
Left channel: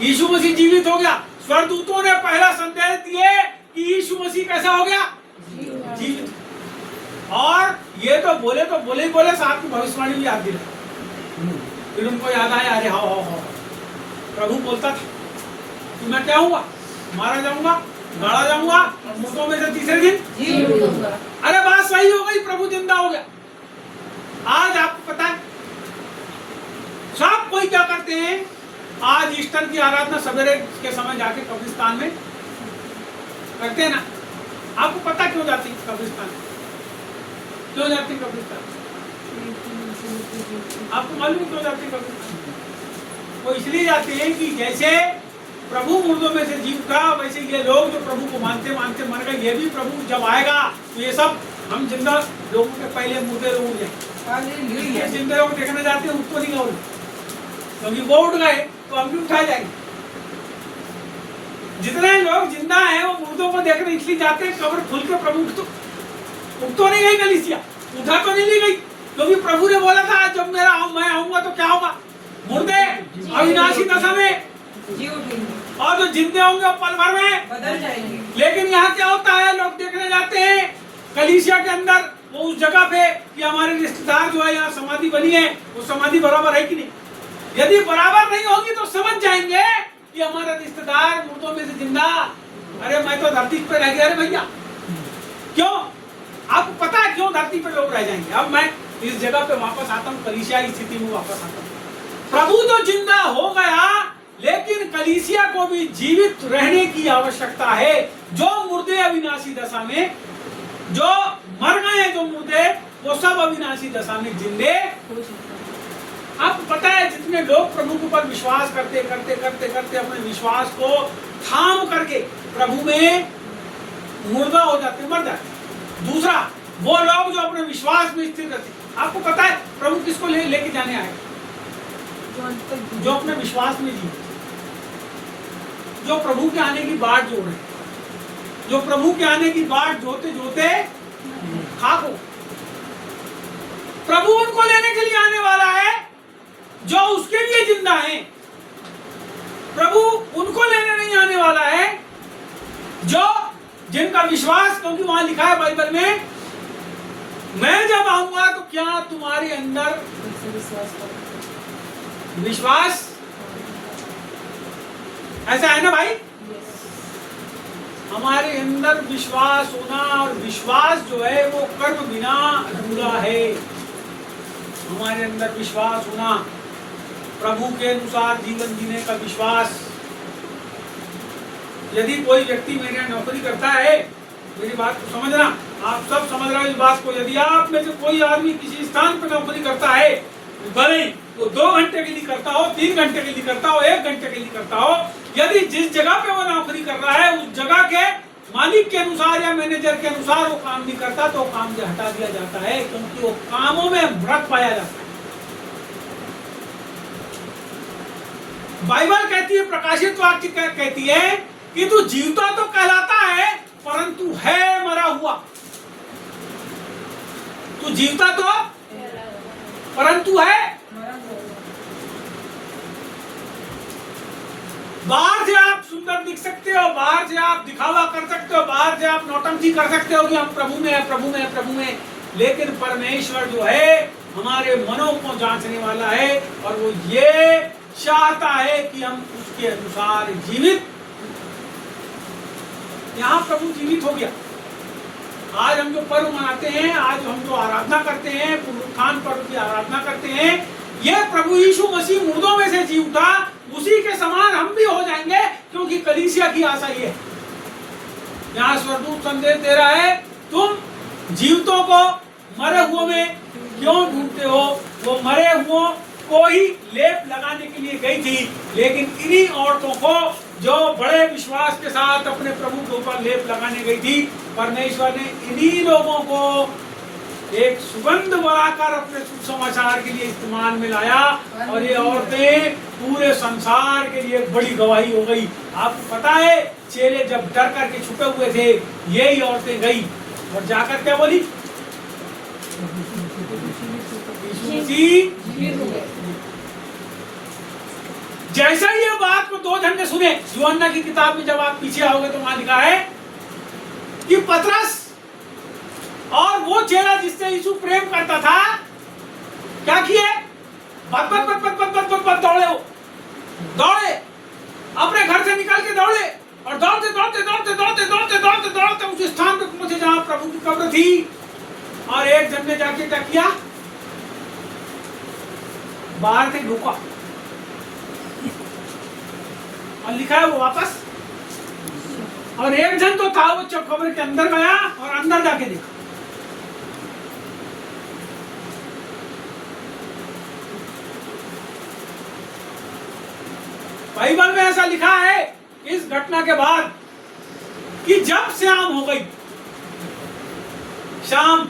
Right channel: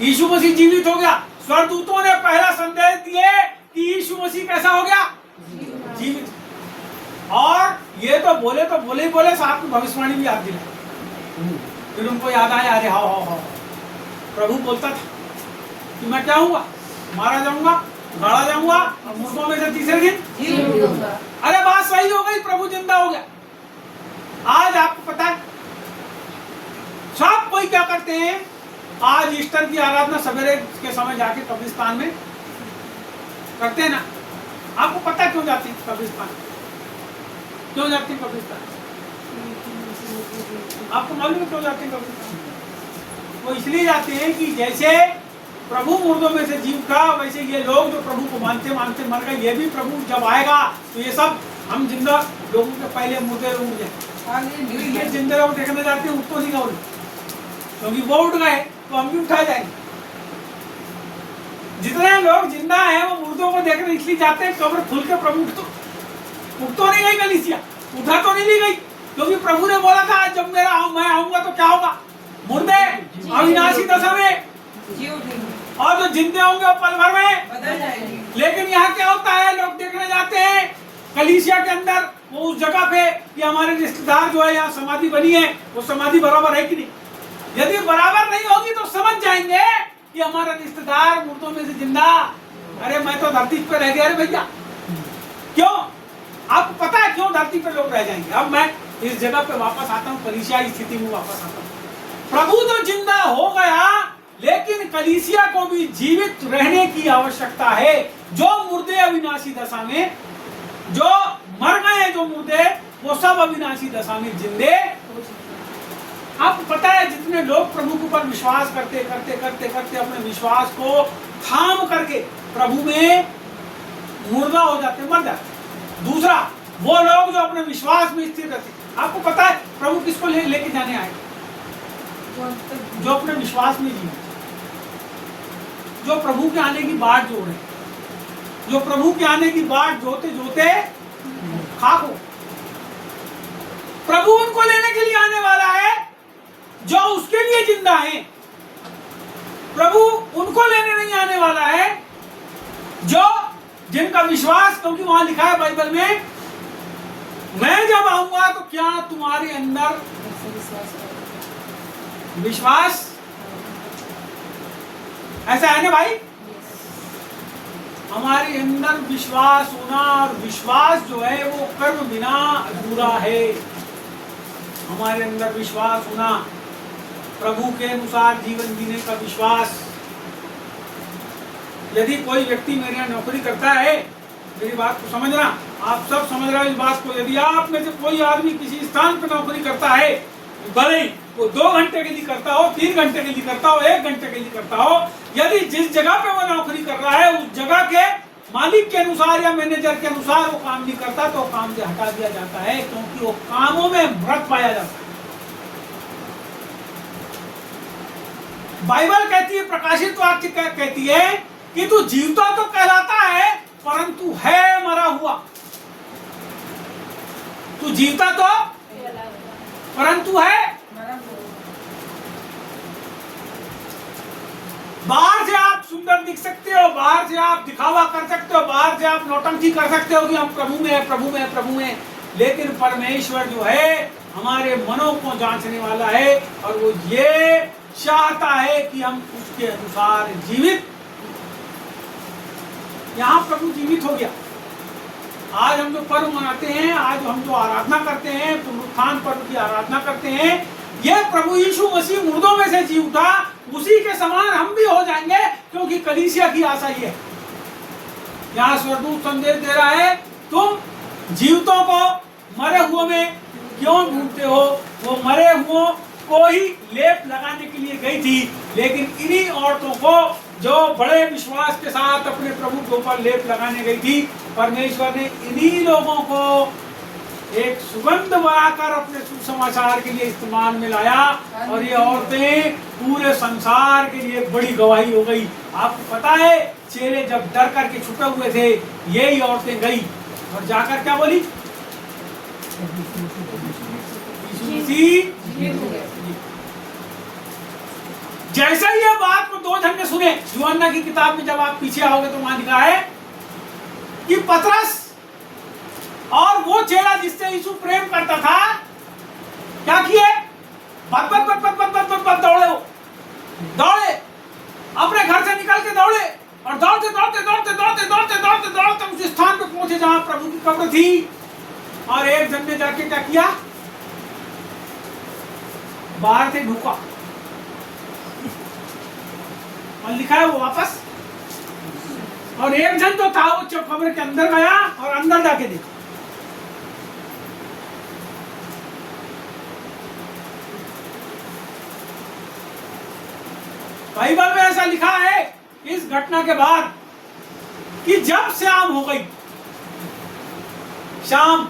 यीशु मसीह जीवित हो गया। स्वर्गदूतों ने पहला संदेश दिए कि यीशु मसीह कैसा हो गया, जीवित। और ये तो बोले ही बोले, साथ में भविष्यवाणी भी याद दिलाई। फिर उनको याद आया, अरे हाँ प्रभु बोलता था कि मैं क्या हूँगा, मारा जाऊंगा, गाड़ा जाऊंगा और मुर्दों में से तीसरे दिन जी उठूंगा। अरे बात सही हो गई, प्रभु जिंदा हो गया। आज आपको पता है सब कोई क्या करते हैं, आज ईस्टर की आराधना सवेरे के समय जाके कब्रिस्तान में करते हैं ना। आपको पता क्यों जाती है कब्रिस्तान, क्यों जाती है कब्रिस्तान? आपको मालूम है क्यों जाती है कब्रिस्तान? वो इसलिए जाते हैं कि जैसे प्रभु मुर्दों में से जी उठा, वैसे ये लोग जो प्रभु को मानते मानते मर गए, ये भी प्रभु जब आएगा तो ये सब हम जिंदा लोगों के पहले मुर्दे लोग उठ जाए। ये जिंदे लोग देखने जाते हैं, उठ तो नहीं गए, क्योंकि वो उठ गए तो हम भी उठाए जाएंगे। जितने लोग जिंदा हैं वो मुर्दों को देखने इसलिए जाते हैं, कब्र खुल के प्रभु उठ तो नहीं गई कलीसिया, उठा तो नहीं ली गई, क्योंकि प्रभु ने बोला था जब मैं आऊंगा तो क्या होगा, मुर्दे अविनाशी दशा में जी उठेंगे और जो जिंदे होंगे वो पल भर में बदल जाएंगे। लेकिन यहाँ क्या होता है, लोग देखने जाते हैं कलीसिया के अंदर, वो उस जगह पे कि हमारे रिश्तेदार जो है यहाँ समाधि बनी है, वो समाधि बराबर है कि नहीं। यदि बराबर नहीं होगी तो समझ जाएंगे कि हमारा रिश्तेदार मुर्दों में से जिंदा, अरे मैं तो धरती पे रह गया। अरे भैया क्यों, आपको पता है क्यों धरती पे लोग रह जाएंगे? अब मैं इस जगह पे वापस आता हूँ, कलीसिया स्थिति में वापस आता हूँ। प्रभु तो जिंदा हो गया, लेकिन कलीसिया को भी जीवित रहने की आवश्यकता है। जो मुर्दे अविनाशी दशा में, जो मर गए जो मुर्दे, वो सब अविनाशी दशा में जिंदे। आपको पता है जितने लोग प्रभु के ऊपर विश्वास करते करते करते करते अपने विश्वास को थाम करके प्रभु में मुर्दा हो जाते, मर जाते। दूसरा वो लोग जो अपने विश्वास में स्थिर रहते। आपको पता है प्रभु किसको लेके जाने आएगा? जो अपने विश्वास में जी, जो प्रभु के आने की बाट जोड़ रहे, जो प्रभु के आने की बाट जोते जोते खाक हो। प्रभु उनको लेने के लिए आने वाला है जो उसके लिए जिंदा हैं। प्रभु उनको लेने नहीं आने वाला है जो जिनका विश्वास, क्योंकि वहां लिखा है बाइबल में, मैं जब आऊंगा तो क्या तुम्हारे अंदर विश्वास, ऐसा है ना भाई? हमारे अंदर विश्वास होना, और विश्वास जो है वो कर्म बिना अधूरा है। हमारे अंदर विश्वास होना, प्रभु के अनुसार जीवन जीने का विश्वास। यदि कोई व्यक्ति मेरे यहाँ नौकरी करता है, मेरी बात को समझना, आप सब समझ रहे हो इस बात को, यदि आप में से कोई आदमी किसी स्थान पर नौकरी करता है, भले ही वो 2 घंटे के लिए करता हो, 3 घंटे के लिए करता हो, 1 घंटे के लिए करता हो, यदि जिस जगह पे वो नौकरी कर रहा है उस जगह के मालिक के अनुसार या मैनेजर के अनुसार वो काम नहीं करता तो काम से हटा दिया जाता है, क्योंकि वो कामों में भ्रष्ट पाया जाता है। बाइबल कहती है, प्रकाशित वाक्य कहती है कि तू जीवता तो कहलाता है परंतु है मरा हुआ। तू जीवता तो परंतु है। बाहर से आप सुंदर दिख सकते हो, बाहर से आप दिखावा कर सकते हो, बाहर से आप नौटंकी कर सकते हो कि हम प्रभु में है, प्रभु में है, प्रभु में है, लेकिन परमेश्वर जो है हमारे मनों को जांचने वाला है और वो ये चाहता है कि हम उसके अनुसार जीवित। यहाँ प्रभु जीवित हो गया। आज हम जो पर्व मनाते हैं, आज हम जो आराधना करते हैं, पुनरुत्थान पर्व की आराधना करते हैं, ये प्रभु यीशु मसीह मुर्दों में से जी उठा, उसी के समान हम भी हो जाएंगे, क्योंकि कलीसिया की आशा ये है। यहाँ स्वर्गदूत संदेश दे रहा है, तुम जीवितों को मरे हुओं में क्यों ढूंढते हो? वो मरे हुओं को ही लेप लगाने के लिए गई थी, लेकिन इन्हीं औरतों को जो बड़े विश्वास के साथ अपने प्रभु के ऊपर लेप लगाने गई थी, परमेश्वर ने इन्हीं लोगों को एक सुगंध बनाकर अपने सुसमाचार के लिए इस्तेमाल में लाया, और ये औरतें पूरे संसार के लिए बड़ी गवाही हो गई। आपको पता है, चेले जब डर करके छुपे हुए थे, यही औरतें गई और जाकर क्या बोली? यीशु मसीह। जैसे ही ये बात को दो जन ने सुने, यूहन्ना की किताब में जब आप पीछे आओगे तो वहां लिखा है कि पतरस और वो चेला जिससे यीशु प्रेम करता था, क्या किए? बत बत बत बत बत बत बत दौड़े, हो दौड़े, अपने घर से निकल के दौड़े, और दौड़ते दौड़ते दौड़ते दौड़ते दौड़ते दौड़ते दौड़ते उस स्थान पे पहुंचे जहां प्रभु की कब्र थी। और एक जन ने जाके क्या किया? बाहर से ढुका, और लिखा है वो वापस। और एक जन तो था, वो कब्र के अंदर गया और अंदर जाके देखा। बाइबल में ऐसा लिखा है इस घटना के बाद कि जब शाम हो गई, शाम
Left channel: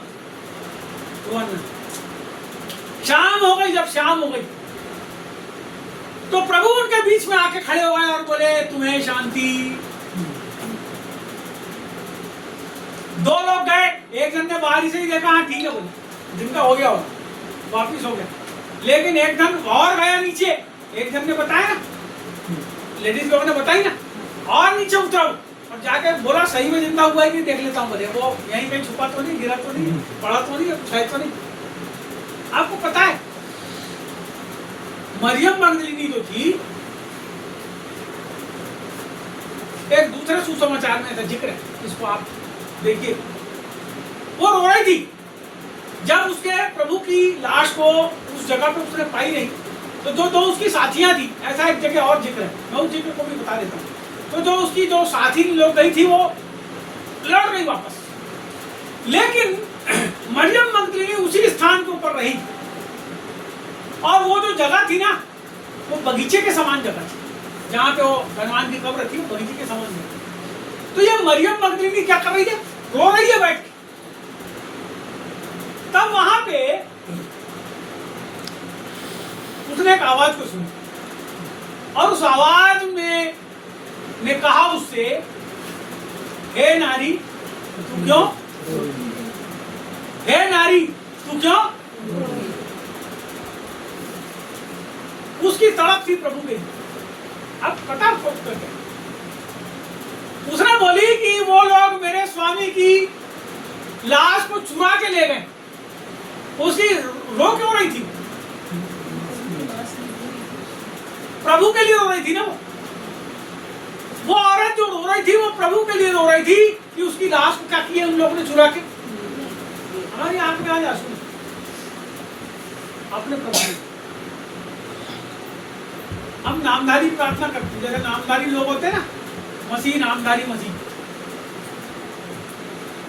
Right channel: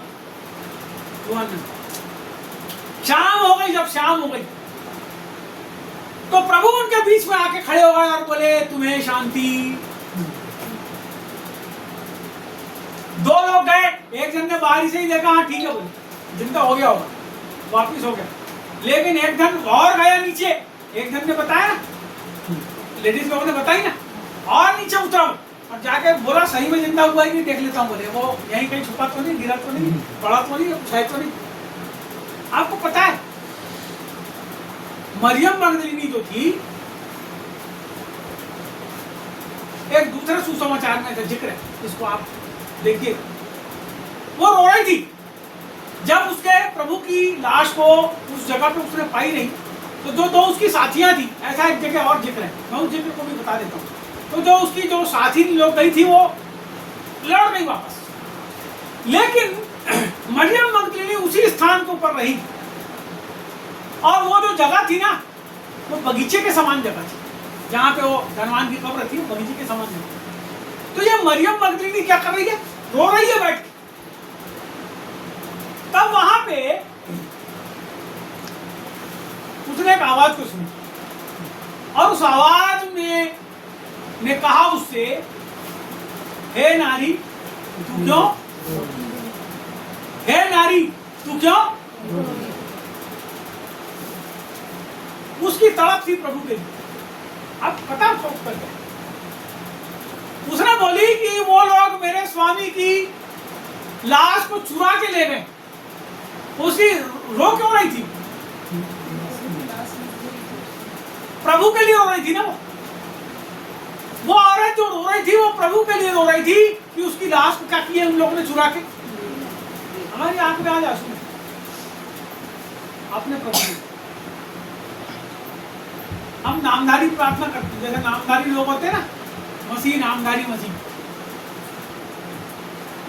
हो गई, जब शाम हो गई तो प्रभु उनके बीच में आके खड़े हो गए और बोले, तुम्हें शांति। दो लोग गए, एक जन ने बाहरी से ही देखा, हाँ ठीक है बोले, जिनका हो गया होगा, वापिस हो गया। लेकिन एक जन और गया नीचे, एक जन ने बताया ना, लेडीज लोगों ने बताई ना, और नीचे उतरा और जाके बोला, सही में जिंदा हुआ ही नहीं, देख लेता हूँ। बोले वो यहीं कहीं छुपा तो नहीं, गिरा तो नहीं, पड़ा तो नहीं, शायद तो नहीं। आपको पता है मरियम मगदलीनी जो थी, एक दूसरे सुसमाचार में ऐसा जिक्र है, इसको आप देखिए, वो रो रही थी जब उसके प्रभु की लाश को उस जगह पे उसने पाई नहीं। तो जो दो उसकी साथियां थी, ऐसा एक जगह और जिक्र है, मैं उस जिक्र को भी बता देता हूँ। तो जो उसकी जो साथी लोग गई थी, वो लौट गई वापस, लेकिन मरियम मगदलीनी उसी स्थान के ऊपर रही। और वो जो जगह थी ना, वो बगीचे के समान जगह थी, जहाँ पे वो धनवान की कब्र थी, वो बगीचे के समान जगह। तो ये मरियम मगदलीनी क्या कर रही है? रो रही है बैठ के। तब वहां पे उसने एक आवाज को सुनी, और उस आवाज में ने कहा उससे, हे नारी तू क्यों, हे नारी तू क्यों? उसकी तड़प थी प्रभु के लिए। अब पता सोच करके उसने बोली कि वो लोग मेरे स्वामी की लाश को चुरा के ले गए। उसकी रो क्यों रही थी? प्रभु के लिए रो रही थी ना। वो औरत जो रो रही थी, वो प्रभु के लिए रो रही थी कि उसकी लाश को क्या किया उन लोगों ने चुरा के। हमारी आंख में आज आंसू अपने प्रभु। हम नामधारी प्रार्थना करते हैं, जैसे नामधारी लोग होते हैं ना, मसीह नामधारी मसीह,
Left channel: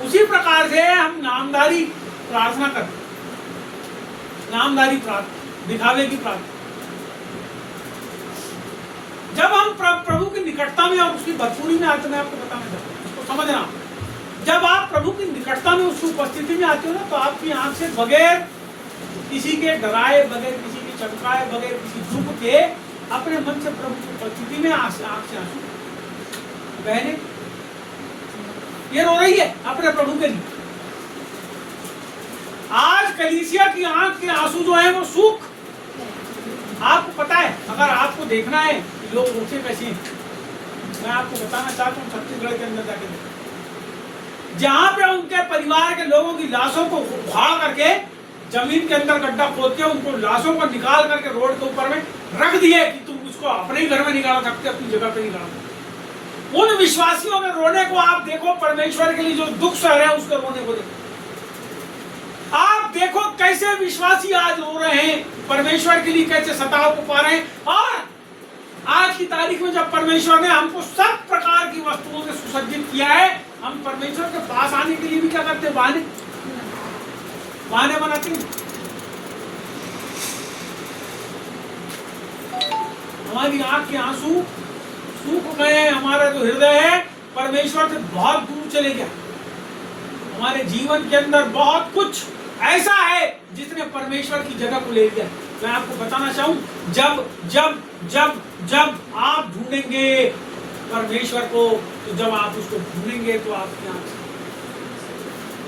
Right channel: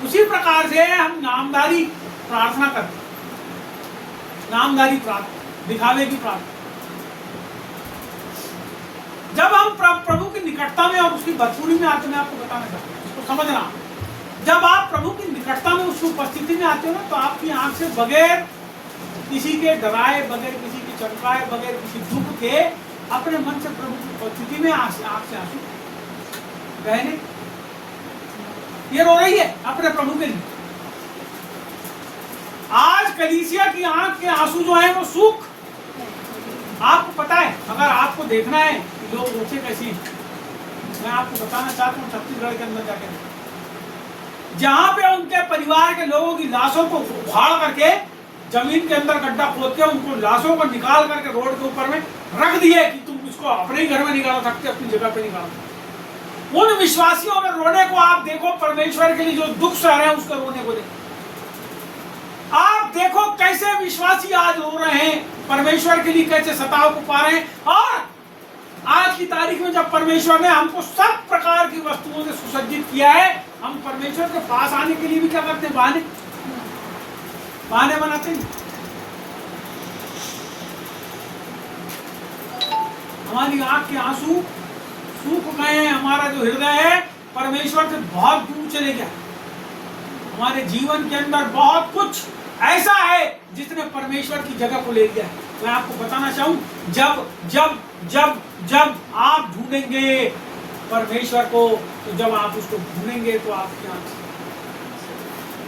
उसी प्रकार से हम नामधारी प्रार्थना करते, नामधारी प्रार्थना, दिखावे की प्रार्थना। जब हम प्रभु की निकटता में और उसकी भरपूरी में आते हैं, आपको बताना चाहते हैं, उसको समझना। जब आप प्रभु की निकटता में, उसकी उपस्थिति में आते हो ना, तो आपकी आंख से बगैर किसी के डराए, बगैर किसी के चमकाए, बगैर किसी दुख के, अपने मन से प्रभु की उपस्थिति में आंख से आंसू बहने। ये रो रही है अपने प्रभु के लिए। आज कलीसिया की आंख के आंसू जो है वो सूख। आपको पता है, अगर आपको देखना है कि लोग रोते कैसे हैं, मैं आपको बताना चाहता हूँ, छत्तीसगढ़ के अंदर जाके जहां पे उनके परिवार के लोगों की लाशों को उखाड़ करके जमीन के अंदर गड्ढा खोद के उनको लाशों को निकाल करके रोड के ऊपर में रख दिए कि तुम उसको अपने ही घर में निकाल सकते, अपनी जगह पे निकाल सकते। उन विश्वासियों के रोने को आप देखो, परमेश्वर के लिए जो दुख सह रहे हैं उसके रोने को देखो। आप देखो कैसे विश्वासी आज रो रहे हैं, परमेश्वर के लिए कैसे सताव को पा रहे हैं। और आज की तारीख में जब परमेश्वर ने हमको सब प्रकार की वस्तुओं से सुसज्जित किया है, हम परमेश्वर के पास आने के लिए भी क्या करते हैं? बहाने बनाते हैं। हमारी आंख के आंसू सूख गए हैं, हमारा जो हृदय है परमेश्वर से बहुत दूर चले गया। हमारे जीवन के अंदर बहुत कुछ ऐसा है जिसने परमेश्वर की जगह को ले लिया। मैं आपको बताना चाहूं, जब जब जब जब आप ढूंढेंगे परमेश्वर को, तो जब आप उसको ढूंढेंगे तो आपकी आंख से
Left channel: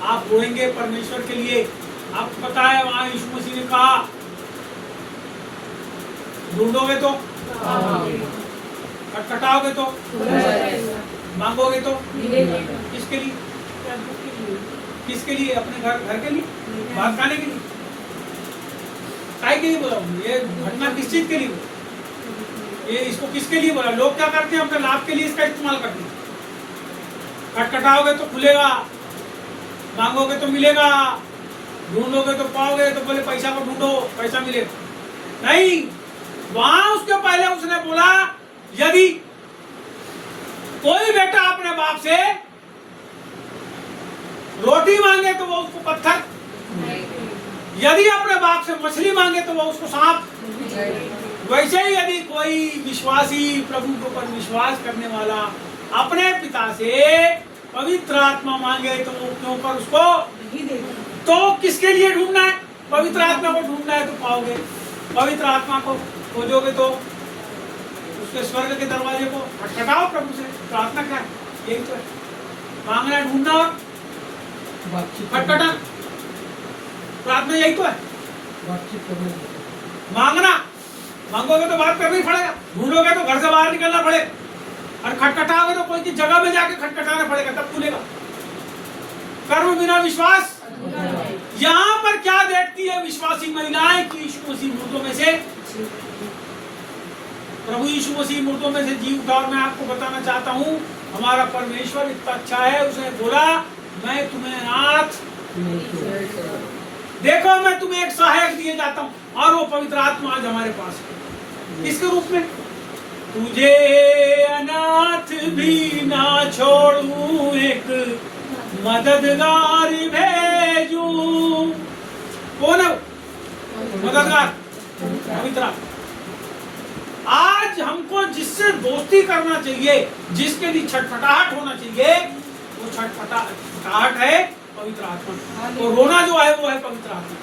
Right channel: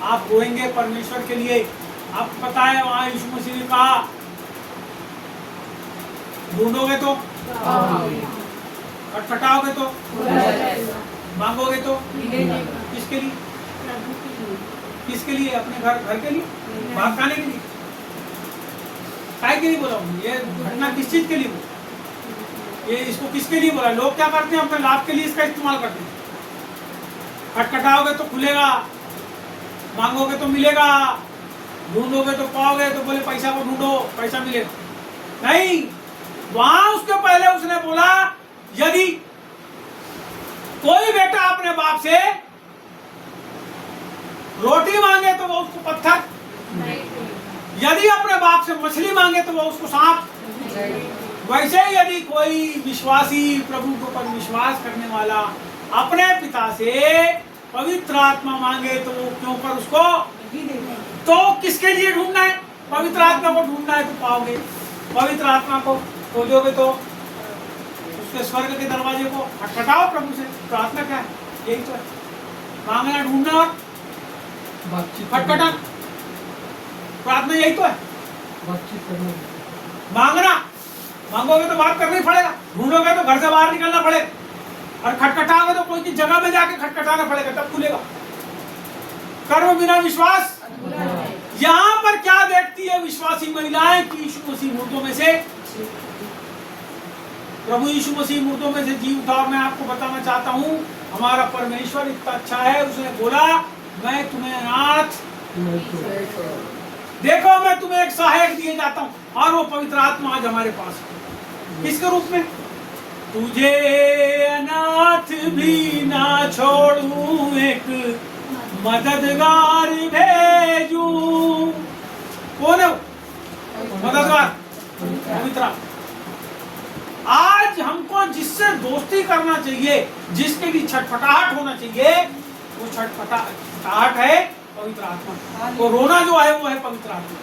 आप रोएंगे परमेश्वर के लिए। आपको पता है वहां यीशु मसीह ने कहा, ढूंढोगे तो, खटखटाओगे तो, मांगोगे तो, किसके लिए? किसके लिए? अपने घर के लिए, भात खाने के लिए, काय के लिए बोला? ये घटना किस चीज के लिए बोला? ये इसको किसके लिए बोला? लोग क्या करते हैं? अपने लाभ के लिए इसका इस्तेमाल करते हैं। खटखटाओगे तो खुलेगा, मांगोगे तो मिलेगा, ढूंढोगे तो पाओगे, तो बोले पैसा को ढूंढो पैसा मिलेगा। नहीं, वहां उसके पहले उसने बोला, यदि कोई बेटा अपने बाप से रोटी मांगे तो वो उसको पत्थर, यदि अपने बाप से मछली मांगे तो वो उसको सांप। वैसे ही यदि कोई विश्वासी प्रभु के ऊपर विश्वास करने वाला अपने पिता से पवित्र आत्मा मांगे तो वो क्यों पर उसको नहीं देगा। तो किसके लिए ढूंढना है? पवित्र आत्मा को ढूंढना है तो पाओगे। पवित्र आत्मा को खोजोगे तो उसके स्वर्ग के दरवाजे को खटखटाओ प्रभु से। प्रार्थना क्या है? यही तो है, मांगना, ढूंढना, खटखटा। प्रार्थना यही तो है, मांगना। मांगोगे तो बात करना ही पड़ेगा, ढूंढोगे तो घर से बाहर निकलना पड़ेगा, और खटखटाओगे तो कोई की जगह में जाके खटखटाना पड़ेगा, तब खुलेगा। कर्म बिना विश्वास। यहाँ पर क्या देखती है विश्वासी महिलाएं कि यीशु मसीह मुर्दों में से, प्रभु यीशु मसीह मुर्दों में से जी उठा। और मैं आपको बताना चाहता हूँ, हमारा परमेश्वर इतना अच्छा है, उसने बोला मैं तुम्हें अनाथ देखो, मैं तुम्हें एक सहायक दिए जाता हूँ, और वो पवित्र आत्मा आज हमारे पास है। किसके रूप में? तुझे अनाथ भी ना छोड़ूं, एक मददगार भेजूं। कौन है वो मददगार? पवित्र आत्मा। आज हमको जिससे दोस्ती करना चाहिए, जिसके लिए छटपटाहट होना चाहिए, वो छटपटाहट है पवित्र आत्मा। और रोना जो है वो है पवित्र आत्मा।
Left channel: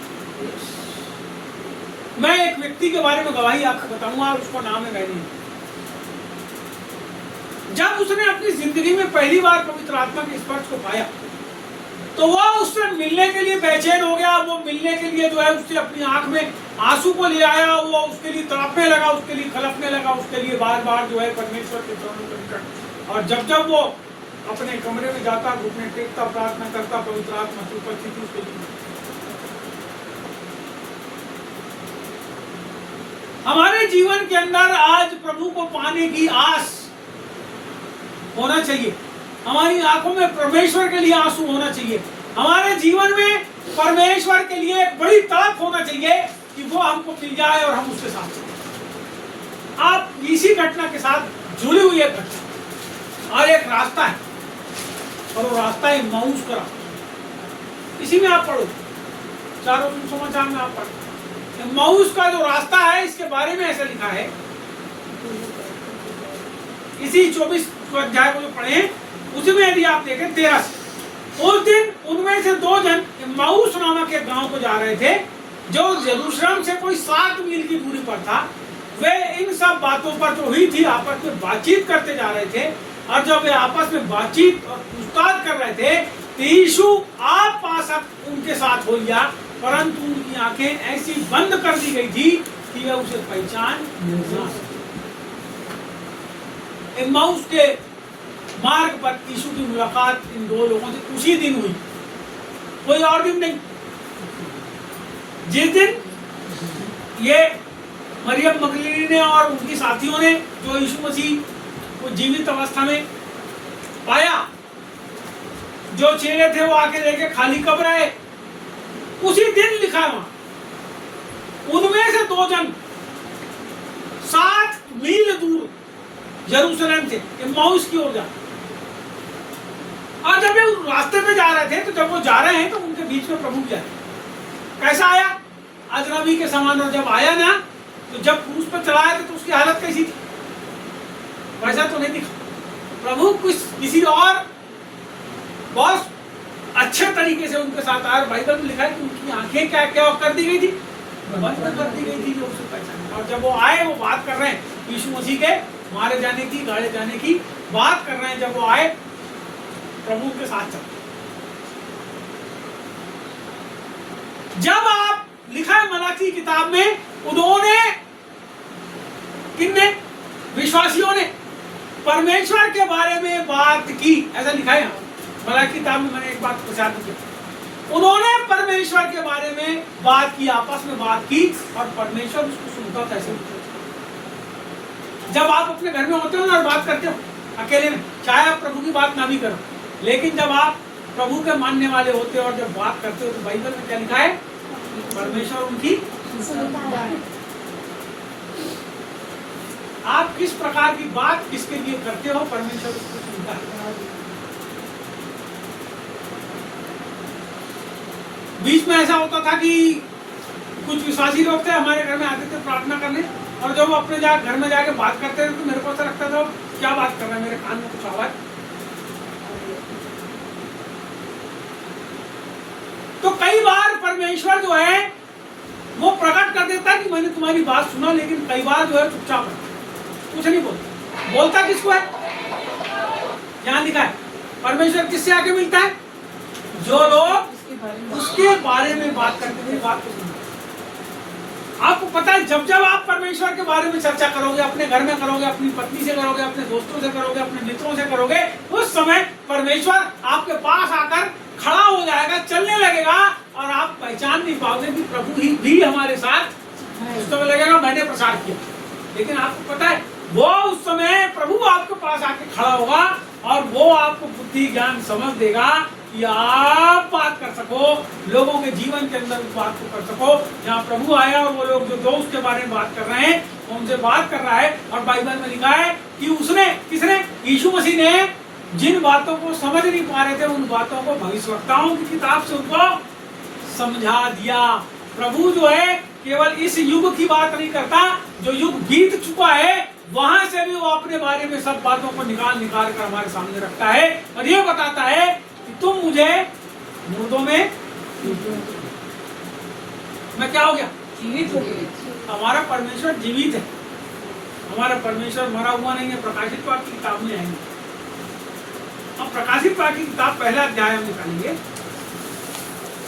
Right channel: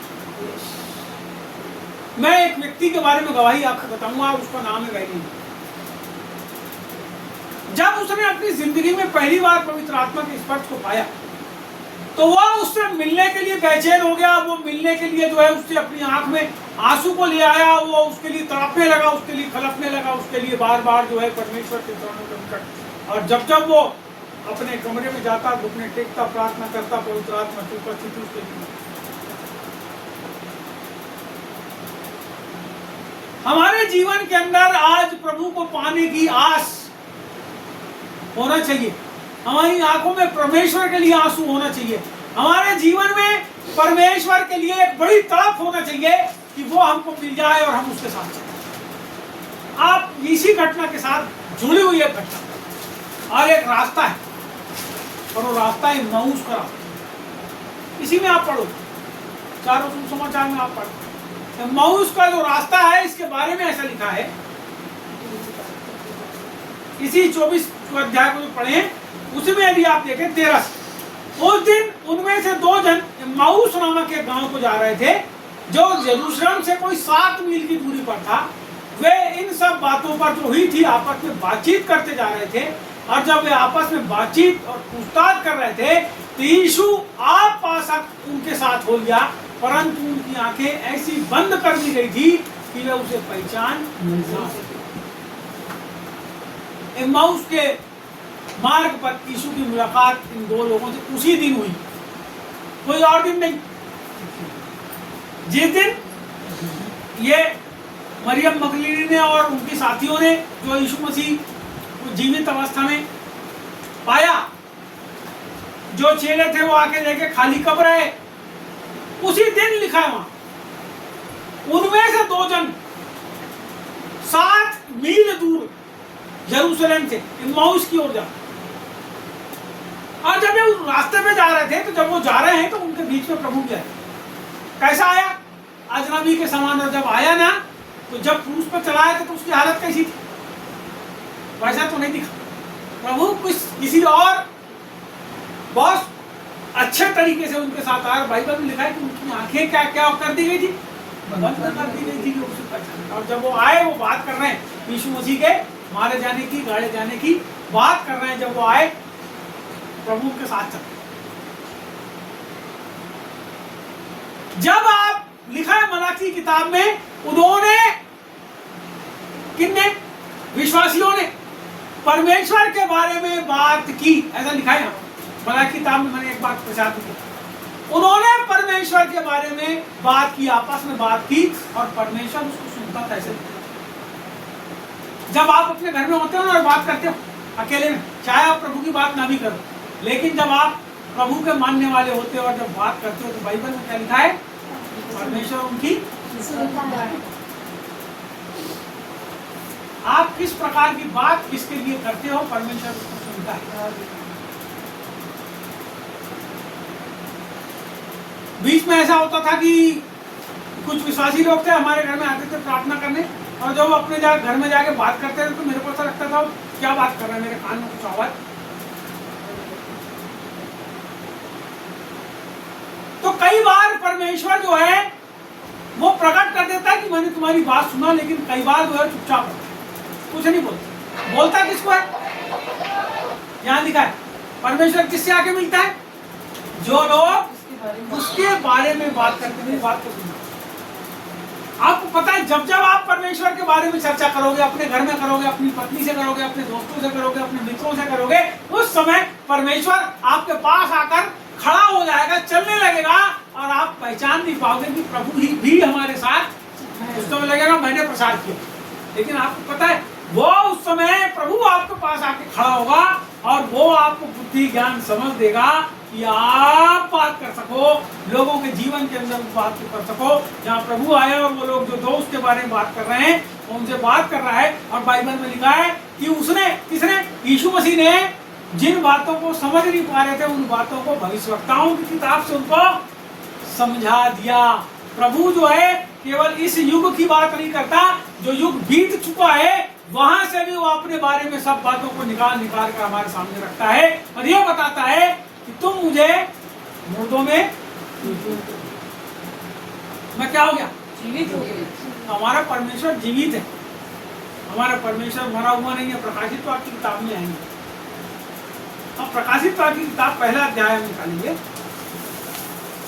मैं एक व्यक्ति के बारे में गवाही आपको बताऊंगा, उसका नाम है वैली। जब उसने अपनी जिंदगी में पहली बार पवित्र आत्मा के स्पर्श को पाया, तो वह उससे मिलने के लिए बेचैन हो गया। वो मिलने के लिए जो है उससे अपनी आंख में आंसू को ले आया, वो उसके लिए तड़पने लगा, उसके लिए खलपने लगा, उसके लिए बार बार जो है परमेश्वर के चरणों के निकट। और जब जब वो अपने कमरे में जाता, घुटने टेकता, प्रार्थना करता, पवित्र आत्मा की उपस्थिति उसके लिए। हमारे जीवन के अंदर आज प्रभु को पाने की आस होना चाहिए। हमारी आंखों में परमेश्वर के लिए आंसू होना चाहिए। हमारे जीवन में परमेश्वर के लिए एक बड़ी तड़प होना चाहिए कि वो हमको मिल जाए और हम उसके साथ चलें। आप इसी घटना के साथ जुड़ी हुई एक घटना, और एक रास्ता है, और वो रास्ता है इम्माऊस का रास्ता। इसी में आप पढ़ो, चारों समाचार में आप पढ़ो। इम्माऊस का जो रास्ता है, इसके बारे में ऐसा लिखा है, इसी 24 अध्याय को जो पढ़े उसी में यदि आप देखें 13 से, उस दिन उनमें से 2 जन इम्माऊस नामक एक गांव को जा रहे थे, जो यरूशलेम से कोई 7 मील की दूरी पर था। वे इन सब बातों पर जो हुई थी आपस में बातचीत करते जा रहे थे। और जब वे आपस में बातचीत और पूछताछ कर रहे थे, तो यीशु आप पास उनके साथ हो लिया, परंतु उनकी आंखें ऐसी बंद कर दी गई थी कि वे उसे पहचान न सके। इम्माऊस के मार्ग पर यीशु की मुलाकात इन 2 लोगों से उसी दिन हुई, कोई और दिन नहीं। जिस दिन ये मरियम मगदलीनी ने और उनके साथियों ने जो यीशु मसीह को जीवित अवस्था में पाया, जो चेले थे वो आके देखे खाली कब्र है, उसी दिन लिखा है वहां। उनमें से 2 जन 7 मील दूर यरूशलेम से इम्माऊस की ओर जा, और जब वे उस रास्ते पे जा रहे थे, तो जब वो जा रहे हैं तो उनके बीच में प्रभु क्या कैसा आया? अजनबी के समान। और जब आया ना, तो जब क्रूस पर चलाया था तो उसकी हालत कैसी थी? वैसा तो नहीं दिखा। प्रभु किसी और बॉस अच्छे तरीके से उनके साथ आया। बाइबल में लिखा है कि उनकी आंखें क्या क्या कर दी गई थी, बंद कर दी गई थी लोग उसे पहचाने। और जब वो आए, वो बात कर रहे हैं यीशु मसीह के मारे जाने की, गाड़े जाने की बात कर रहे हैं। जब वो आए, प्रभु के साथ चलते। जब आप लिखा है मलाकी किताब में, उन्होंने, किन्ने, विश्वासियों ने परमेश्वर के बारे में बात की, ऐसा लिखा है मलाकी किताब में। मैंने एक बात प्रचार की, उन्होंने परमेश्वर के बारे में बात की, आपस में बात की, और परमेश्वर उसको सुनता था। ऐसे जब आप अपने घर में होते हो ना और बात करते हो अकेले में, चाहे आप प्रभु की बात ना भी करो, लेकिन जब आप प्रभु के मानने वाले होते हो और जब बात करते हो, तो बाइबल में क्या लिखा है, परमेश्वर उनकी। आप किस प्रकार की बात किसके लिए करते हो, परमेश्वर उसको सुनता है। बीच में ऐसा होता था कि कुछ विश्वासी लोग थे, हमारे घर में आते थे प्रार्थना करने, और जब वो अपने घर में जाके बात करते थे, तो मेरे को ऐसा लगता था क्या बात कर रहा है, मेरे कान में कुछ आवाज। तो कई बार परमेश्वर जो है वो प्रकट कर देता है कि मैंने तुम्हारी बात सुना, लेकिन कई बार जो है चुपचाप रहता है, कुछ नहीं बोलता। बोलता किसको है, यहाँ लिखा है परमेश्वर किससे आके मिलता है, जो लोग उसके बारे में बात करते हैं, बात को सुनना। आपको पता है, जब जब आप परमेश्वर के बारे में चर्चा करोगे, अपने घर में करोगे, अपनी पत्नी से करोगे, अपने दोस्तों से करोगे, अपने मित्रों से करोगे, उस समय परमेश्वर आपके पास आकर खड़ा हो जाएगा, चलने लगेगा, और आप पहचान नहीं पाओगे कि प्रभु ही भी हमारे साथ। उस समय लगेगा मैंने प्रसार किया, लेकिन आपको पता है वो उस समय प्रभु आपके पास आके खड़ा होगा, और वो आपको बुद्धि ज्ञान समझ देगा कि आप बात कर सको, लोगों के जीवन के अंदर उस बात को कर सको। जहाँ प्रभु आया और वो लोग जो दोस्त के बारे में बात कर रहे हैं, उनसे बात कर रहा है। और बाइबल में लिखा है कि उसने, किसने, यीशु मसीह ने जिन बातों को समझ नहीं पा रहे थे, उन बातों को भविष्यवक्ताओं की किताब से उनको समझा दिया। प्रभु जो है केवल इस युग की बात नहीं करता, जो युग बीत चुका है वहां से भी वो अपने बारे में सब बातों को निकाल निकाल कर हमारे सामने रखता है, और ये बताता है कि तुम मुझे मुर्दों में, मैं क्या हो गया, जीवित हो गए। हमारा परमेश्वर जीवित है, हमारा परमेश्वर मरा हुआ नहीं है। प्रकाशित वाक्य की किताब में है नहीं। हम प्रकाशित वाक्य की किताब पहला अध्याय में निकालेंगे,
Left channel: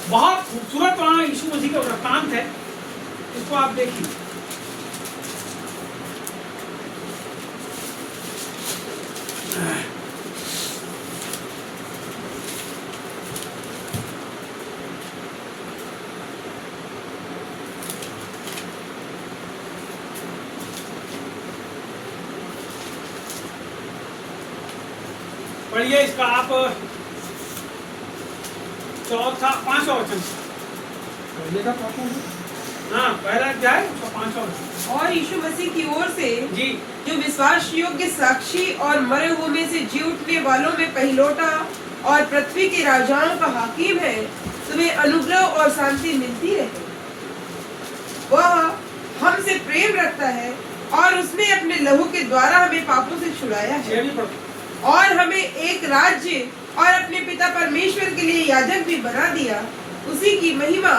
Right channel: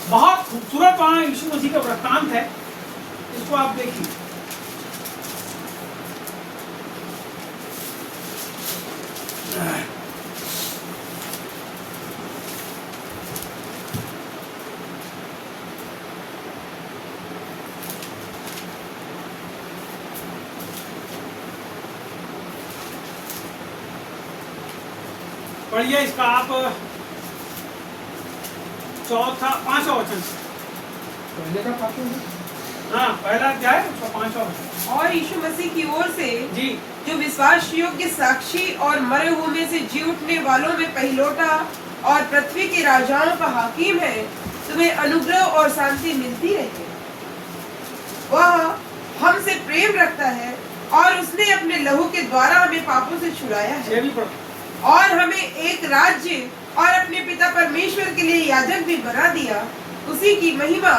बहुत खूबसूरत वहां यीशु मसीह का वृत्तांत है, इसको आप देखिए। पढ़िए इसका आप चौथा, 5वां वचन। हाँ, पहला अध्याय 5वां वचन। और यीशु मसीह की ओर से जी, जो विश्वास योग्य साक्षी और मरे हुए में से जी उठने वालों में पहलौठा और पृथ्वी के राजाओं का हाकिम है, तुम्हें अनुग्रह और शांति मिलती रहे। वह हमसे प्रेम रखता है, और उसने अपने लहू के द्वारा हमें पापों से छुड़ाया है, ये भी पढ़ो। और हमें एक राज्य और अपने पिता परमेश्वर के लिए याजक भी बना दिया। उसी की महिमा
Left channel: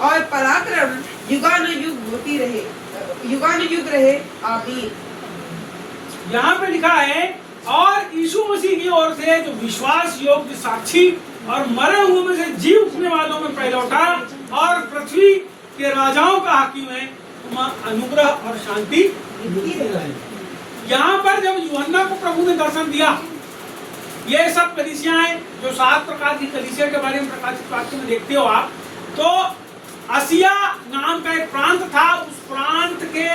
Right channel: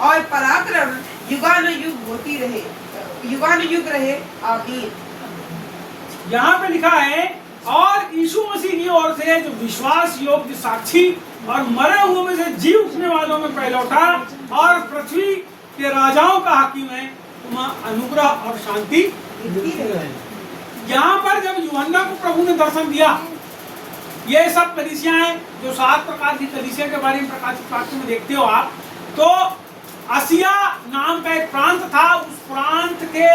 और पराक्रम युगानुयुग होती रहे, युगानुयुग रहे, आमीन। यहाँ पे लिखा है, और यीशु मसीह की ओर से जो विश्वास योग्य साक्षी और मरे हुए में से जी उठने वालों में पहलौठा और पृथ्वी के राजाओं का हाकिम है, अनुग्रह और शांति। यहाँ पर जब यूहन्ना को प्रभु ने दर्शन दिया, ये सब कलीसियां हैं जो 7 प्रकार की कलीसिया के बारे में प्रकाशित वाक्य में देखते हो आप, तो आसिया नाम का एक प्रांत था। उस प्रांत के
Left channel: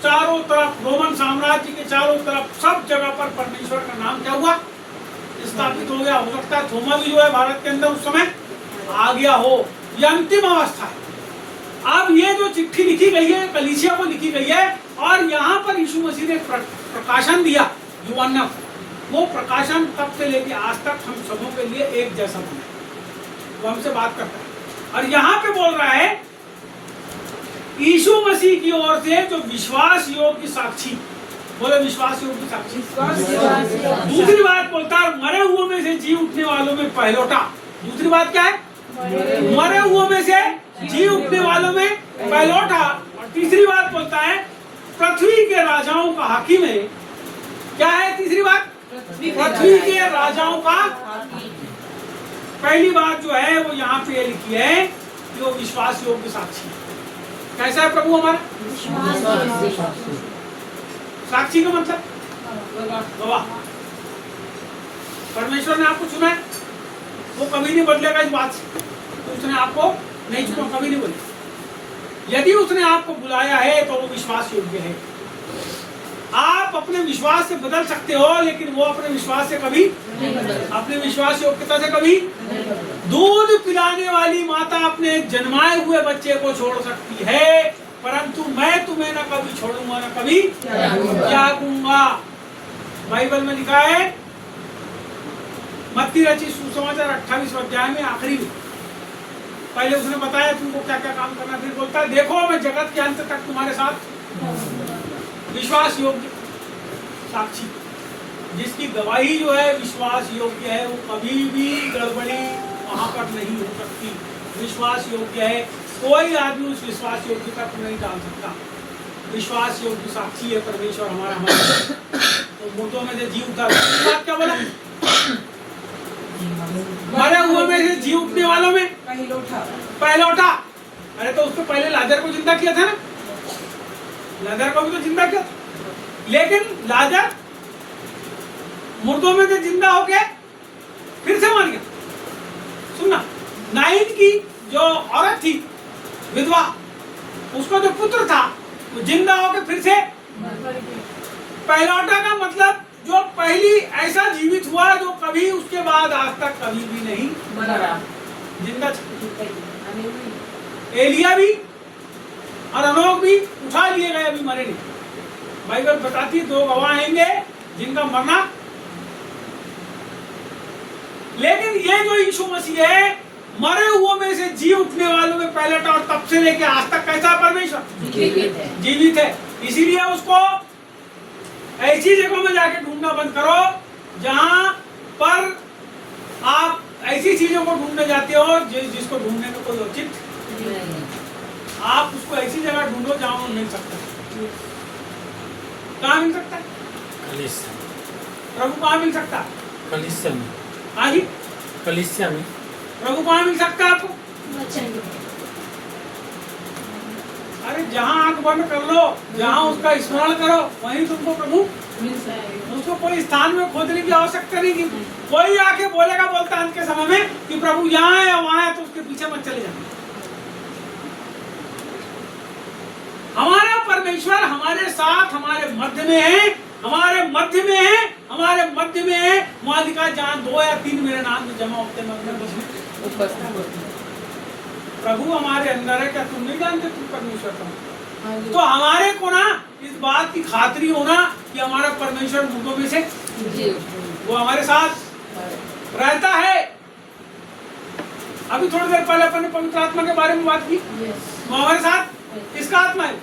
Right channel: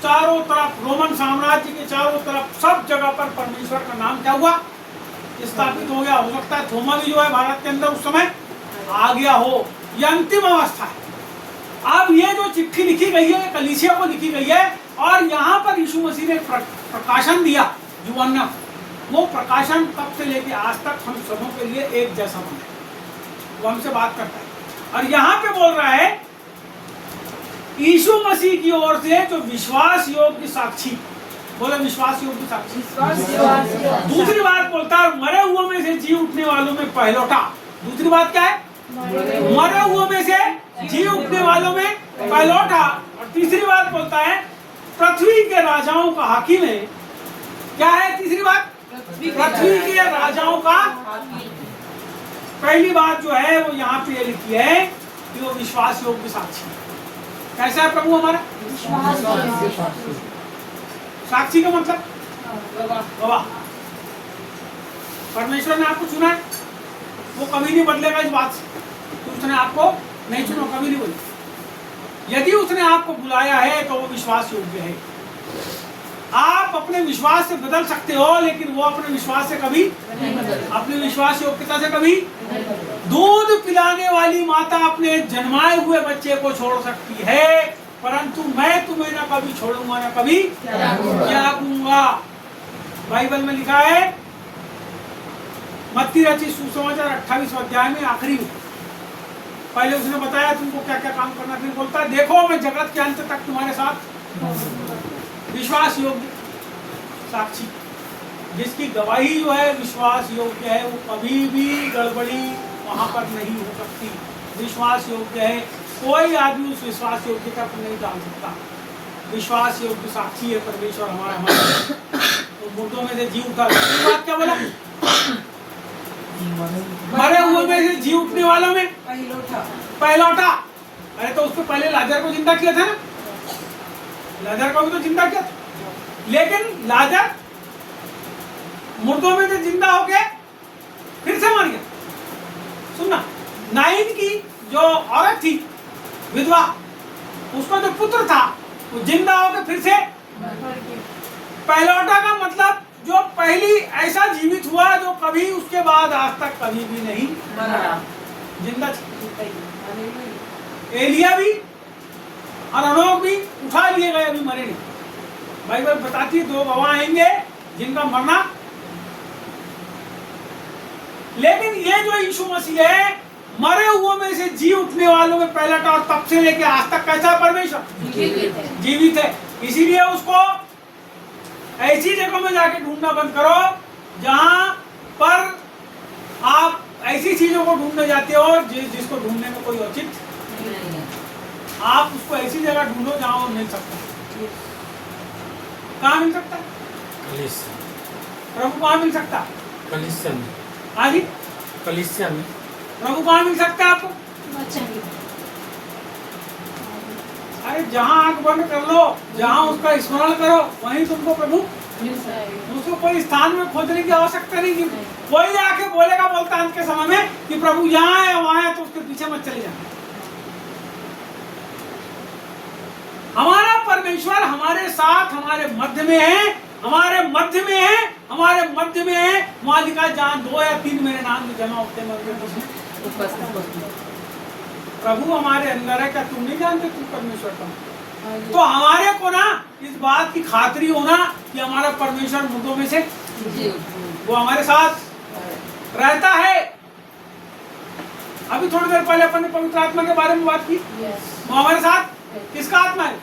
चारों तरफ, रोमन साम्राज्य के चारों तरफ, सब जगह पर परमेश्वर का नाम क्या हुआ, स्थापित हो गया। हो सकता है थोमा भी जो है भारत के अंदर उस समय आ गया हो। ये अंतिम अवस्था है। अब ये जो चिट्ठी लिखी गई है कलीसिया को लिखी गई है, और यहाँ पर यीशु मसीह ने प्रकाशन दिया यूहन्ना को। वो प्रकाशन तब से लेके आज तक हम सबों के लिए एक जैसा बना है। वो हमसे बात करता है, और यहाँ पे बोल रहा है यीशु मसीह की ओर से जो विश्वास योग्य साक्षी, बोले विश्वास योग्य साक्षी। दूसरी बात बोलता है, मरे हुए में से जी उठने वालों में पहलौठा। दूसरी बात क्या है? मरे हुओं में से जी उठने वालों में पहलौठा। और तीसरी बात बोलता है पृथ्वी के राजाओं का हाकिम है। क्या है तीसरी बात? पृथ्वी के राजाओं का। पहली बात जो है वो यहाँ पे लिखी है कि वो विश्वास योग्य साक्षी है। कैसा है प्रभु हमारा? साक्षी का मतलब गवाह। परमेश्वर ने आपको चुना है, वो कभी नहीं बदलेगा इस बात से। तो उसने आपको नहीं चुना, कभी नहीं बोले। यदि उसने आपको बुलाया है तो वो विश्वास योग्य है। आप अपने विश्वास से बदल सकते हो, लेकिन वो अपने विश्वास से कभी, अपने विश्वास योग्यता से कभी। दूध पिलाने वाली माता अपने जन्माए हुए बच्चे को छोड़ सकती है, परंतु मैं तुम्हें न कभी छोड़ूंगा न कभी त्यागूंगा। बाइबल में लिखा है मत्ती रचित सुसमाचार 28 अध्याय में आखिरी में। पहले उसने बताया तुमको क्या क्या काम करना, फिर बोलता है देखो मैं जगत के अंत तक तुम्हारे साथ। विश्वास योग्य साक्षी, जिसकी गवाही जो है विश्वास योग्य है, वो कभी भी गड़बड़ी वहां पर नहीं हो सकती। विश्वास योग्य है, कोई आदमी उस विश्वास योग्यता को नहीं डाल सकता। विश्वास योग्य साक्षी है परमेश्वर हमारा। तो मुर्दों में से जी उठा। बात क्या बोला? मरे हुए में से जी उठने वालों में पहलौठा। अरे तो उसके पहले लाजर को जिंदा किया था ना, लाजर को भी तो जिंदा किया था। लेकिन लाजर मुर्दों में से जिंदा होके फिर से मर गया। सुनना, नाइन की जो औरत थी विधवा, उसका जो पुत्र था वो जिंदा होके फिर से। पहलौठा का मतलब जो पहली ऐसा जीवित हुआ जो कभी उसके बाद आज तक कभी भी नहीं जिंदा। एलिया भी और अनोख भी उठा लिए गए, अभी मरे नहीं। बाइबल बताती है 2 गवाह आएंगे जिनका मरना। लेकिन ये जो यीशु मसीह है, मरे हुओं में से जी उठने वालों में पहलौठा, और तब से लेके आज तक कैसा परमेश्वर जीवित है। इसीलिए उसको ऐसी जगहों में जाके ढूंढना बंद करो जहां पर आप ऐसी चीजों को ढूंढने जाते हो जिसको ढूंढने में कोई औचित्य नहीं है। आप उसको ऐसी जगह ढूंढो जहां वो मिल सकता है। कहाँ मिल सकता है? कलीसिया। प्रभु कहाँ मिल सकता है? कलीसिया में। हाँ जी, कलीसिया में प्रभु कहाँ मिल सकता है आपको? अरे जहाँ आंख बंद कर लो, जहाँ उसका स्मरण करो, वहीं तुमको प्रभु उसको कोई स्थान में खोजने की आवश्यकता नहीं। कि कोई आके बोलेगा बोलता अंत के समय में कि प्रभु यहाँ है वहां है, तो उसके पीछे मत चले जाओ। हमारा परमेश्वर हमारे साथ, हमारे मध्य में है, हमारे मध्य में है, हमारे मध्य में है। वहां लिखा जहाँ 2 या 3 मेरे नाम से जमा होते हैं प्रभु हमारे अंदर है। क्या तुम नहीं जानते तुम परमेश्वर का? तो हमारे को ना इस बात की खातरी होना कि हमारा परमेश्वर मुर्दों में से वो हमारे साथ रहता है। अभी थोड़ी देर पहले अपन ने पवित्र आत्मा के बारे में बात की। वो हमारे साथ किसका आत्मा है?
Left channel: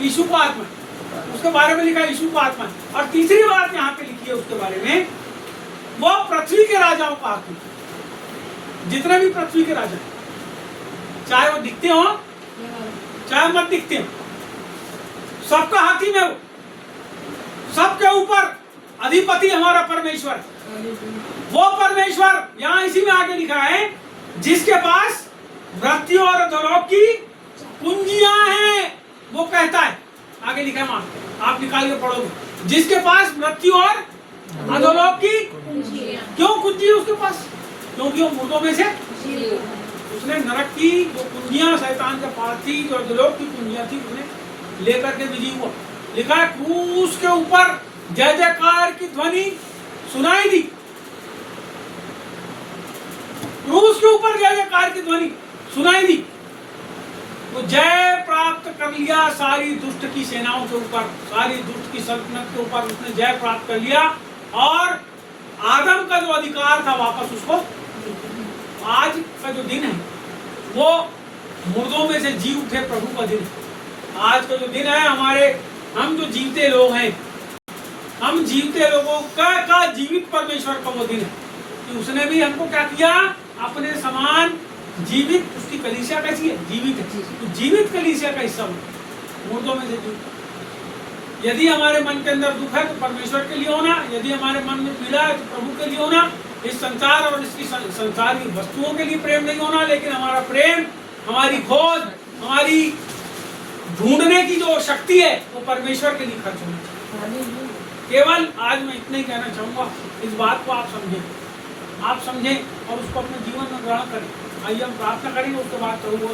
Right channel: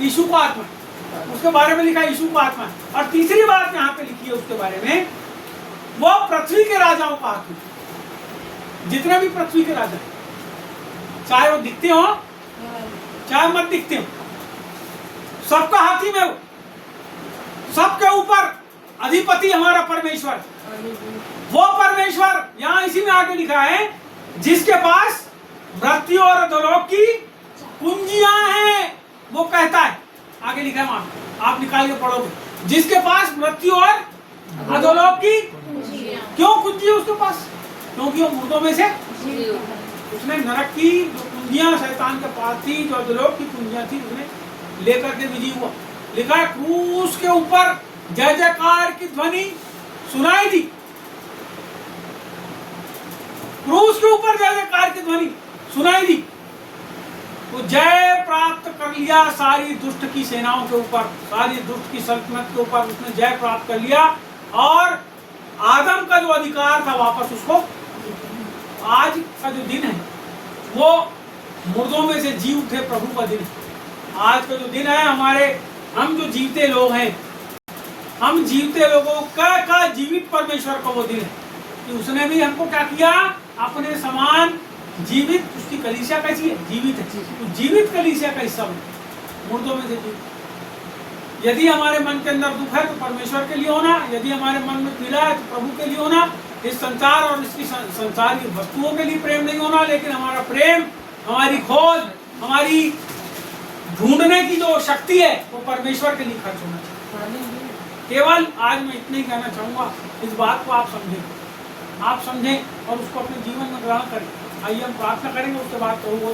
यीशु का आत्मा है। उसके बारे में लिखा है यीशु का आत्मा है। और तीसरी बात यहाँ पे लिखी है उसके बारे में, वो पृथ्वी के राजाओं का आत्मा। जितने भी पृथ्वी के राजा हैं, चाहे वो दिखते हो चाहे मत दिखते हो, सबका हाकिम है वो, सबके ऊपर अधिपति हमारा परमेश्वर। वो परमेश्वर यहाँ इसी में आगे लिखा है जिसके पास मृत्यु और अधोलोक की कुंजियां हैं। वो कहता है, आगे लिखा है वहां, आप निकाल के पढ़ोगे, जिसके पास मृत्यु और अधोलोक की। क्यों कुंजी है उसके पास? क्योंकि वो मुर्दों में से उसने नरक की जो कुंजियां शैतान के पास थी, जो अधोलोक की कुंजियां थी, उसने लेकर के विजयी हुआ। लिखा है क्रूस के ऊपर जय जयकार की ध्वनि सुनाई दी। क्रूस के ऊपर जय जयकार की ध्वनि सुनाई दी। तो जय प्राप्त कर लिया सारी दुष्ट की सेनाओं के ऊपर, सारी दुष्ट की सल्तनत के ऊपर उसने जय प्राप्त कर लिया। और आदम का जो अधिकार था वापस उसको, आज का जो दिन है वो मुर्दों में से जी उठे प्रभु का दिन है। आज का जो दिन है, हमारे हम जो जीवते लोग हैं, हम जीवते लोगों का जीवित परमेश्वर का वो दिन है कि उसने भी हमको क्या किया? अपने समान जीवित, उसकी कलीसिया कैसी है? जीवित है। तो जीवित कलीसिया का हिस्सा बनो, मुर्दों में से जीवित। यदि हमारे मन के अंदर दुख है तो परमेश्वर के लिए होना, यदि हमारे मन में पीड़ा है तो प्रभु के लिए होना। इस संसार और इसकी संसार की वस्तुओं के लिए प्रेम नहीं होना, लेकिन हमारा प्रेम, हमारी खोज, हमारी ढूंढने की जो शक्ति है वो परमेश्वर के लिए खर्च होना चाहिए। केवल आज मैं इतना ही कहना चाहूंगा, इस बात को आप समझें और उसको अपने जीवन में ग्रहण करें। आइए हम प्रार्थना करेंगे, उसके बाद प्रभु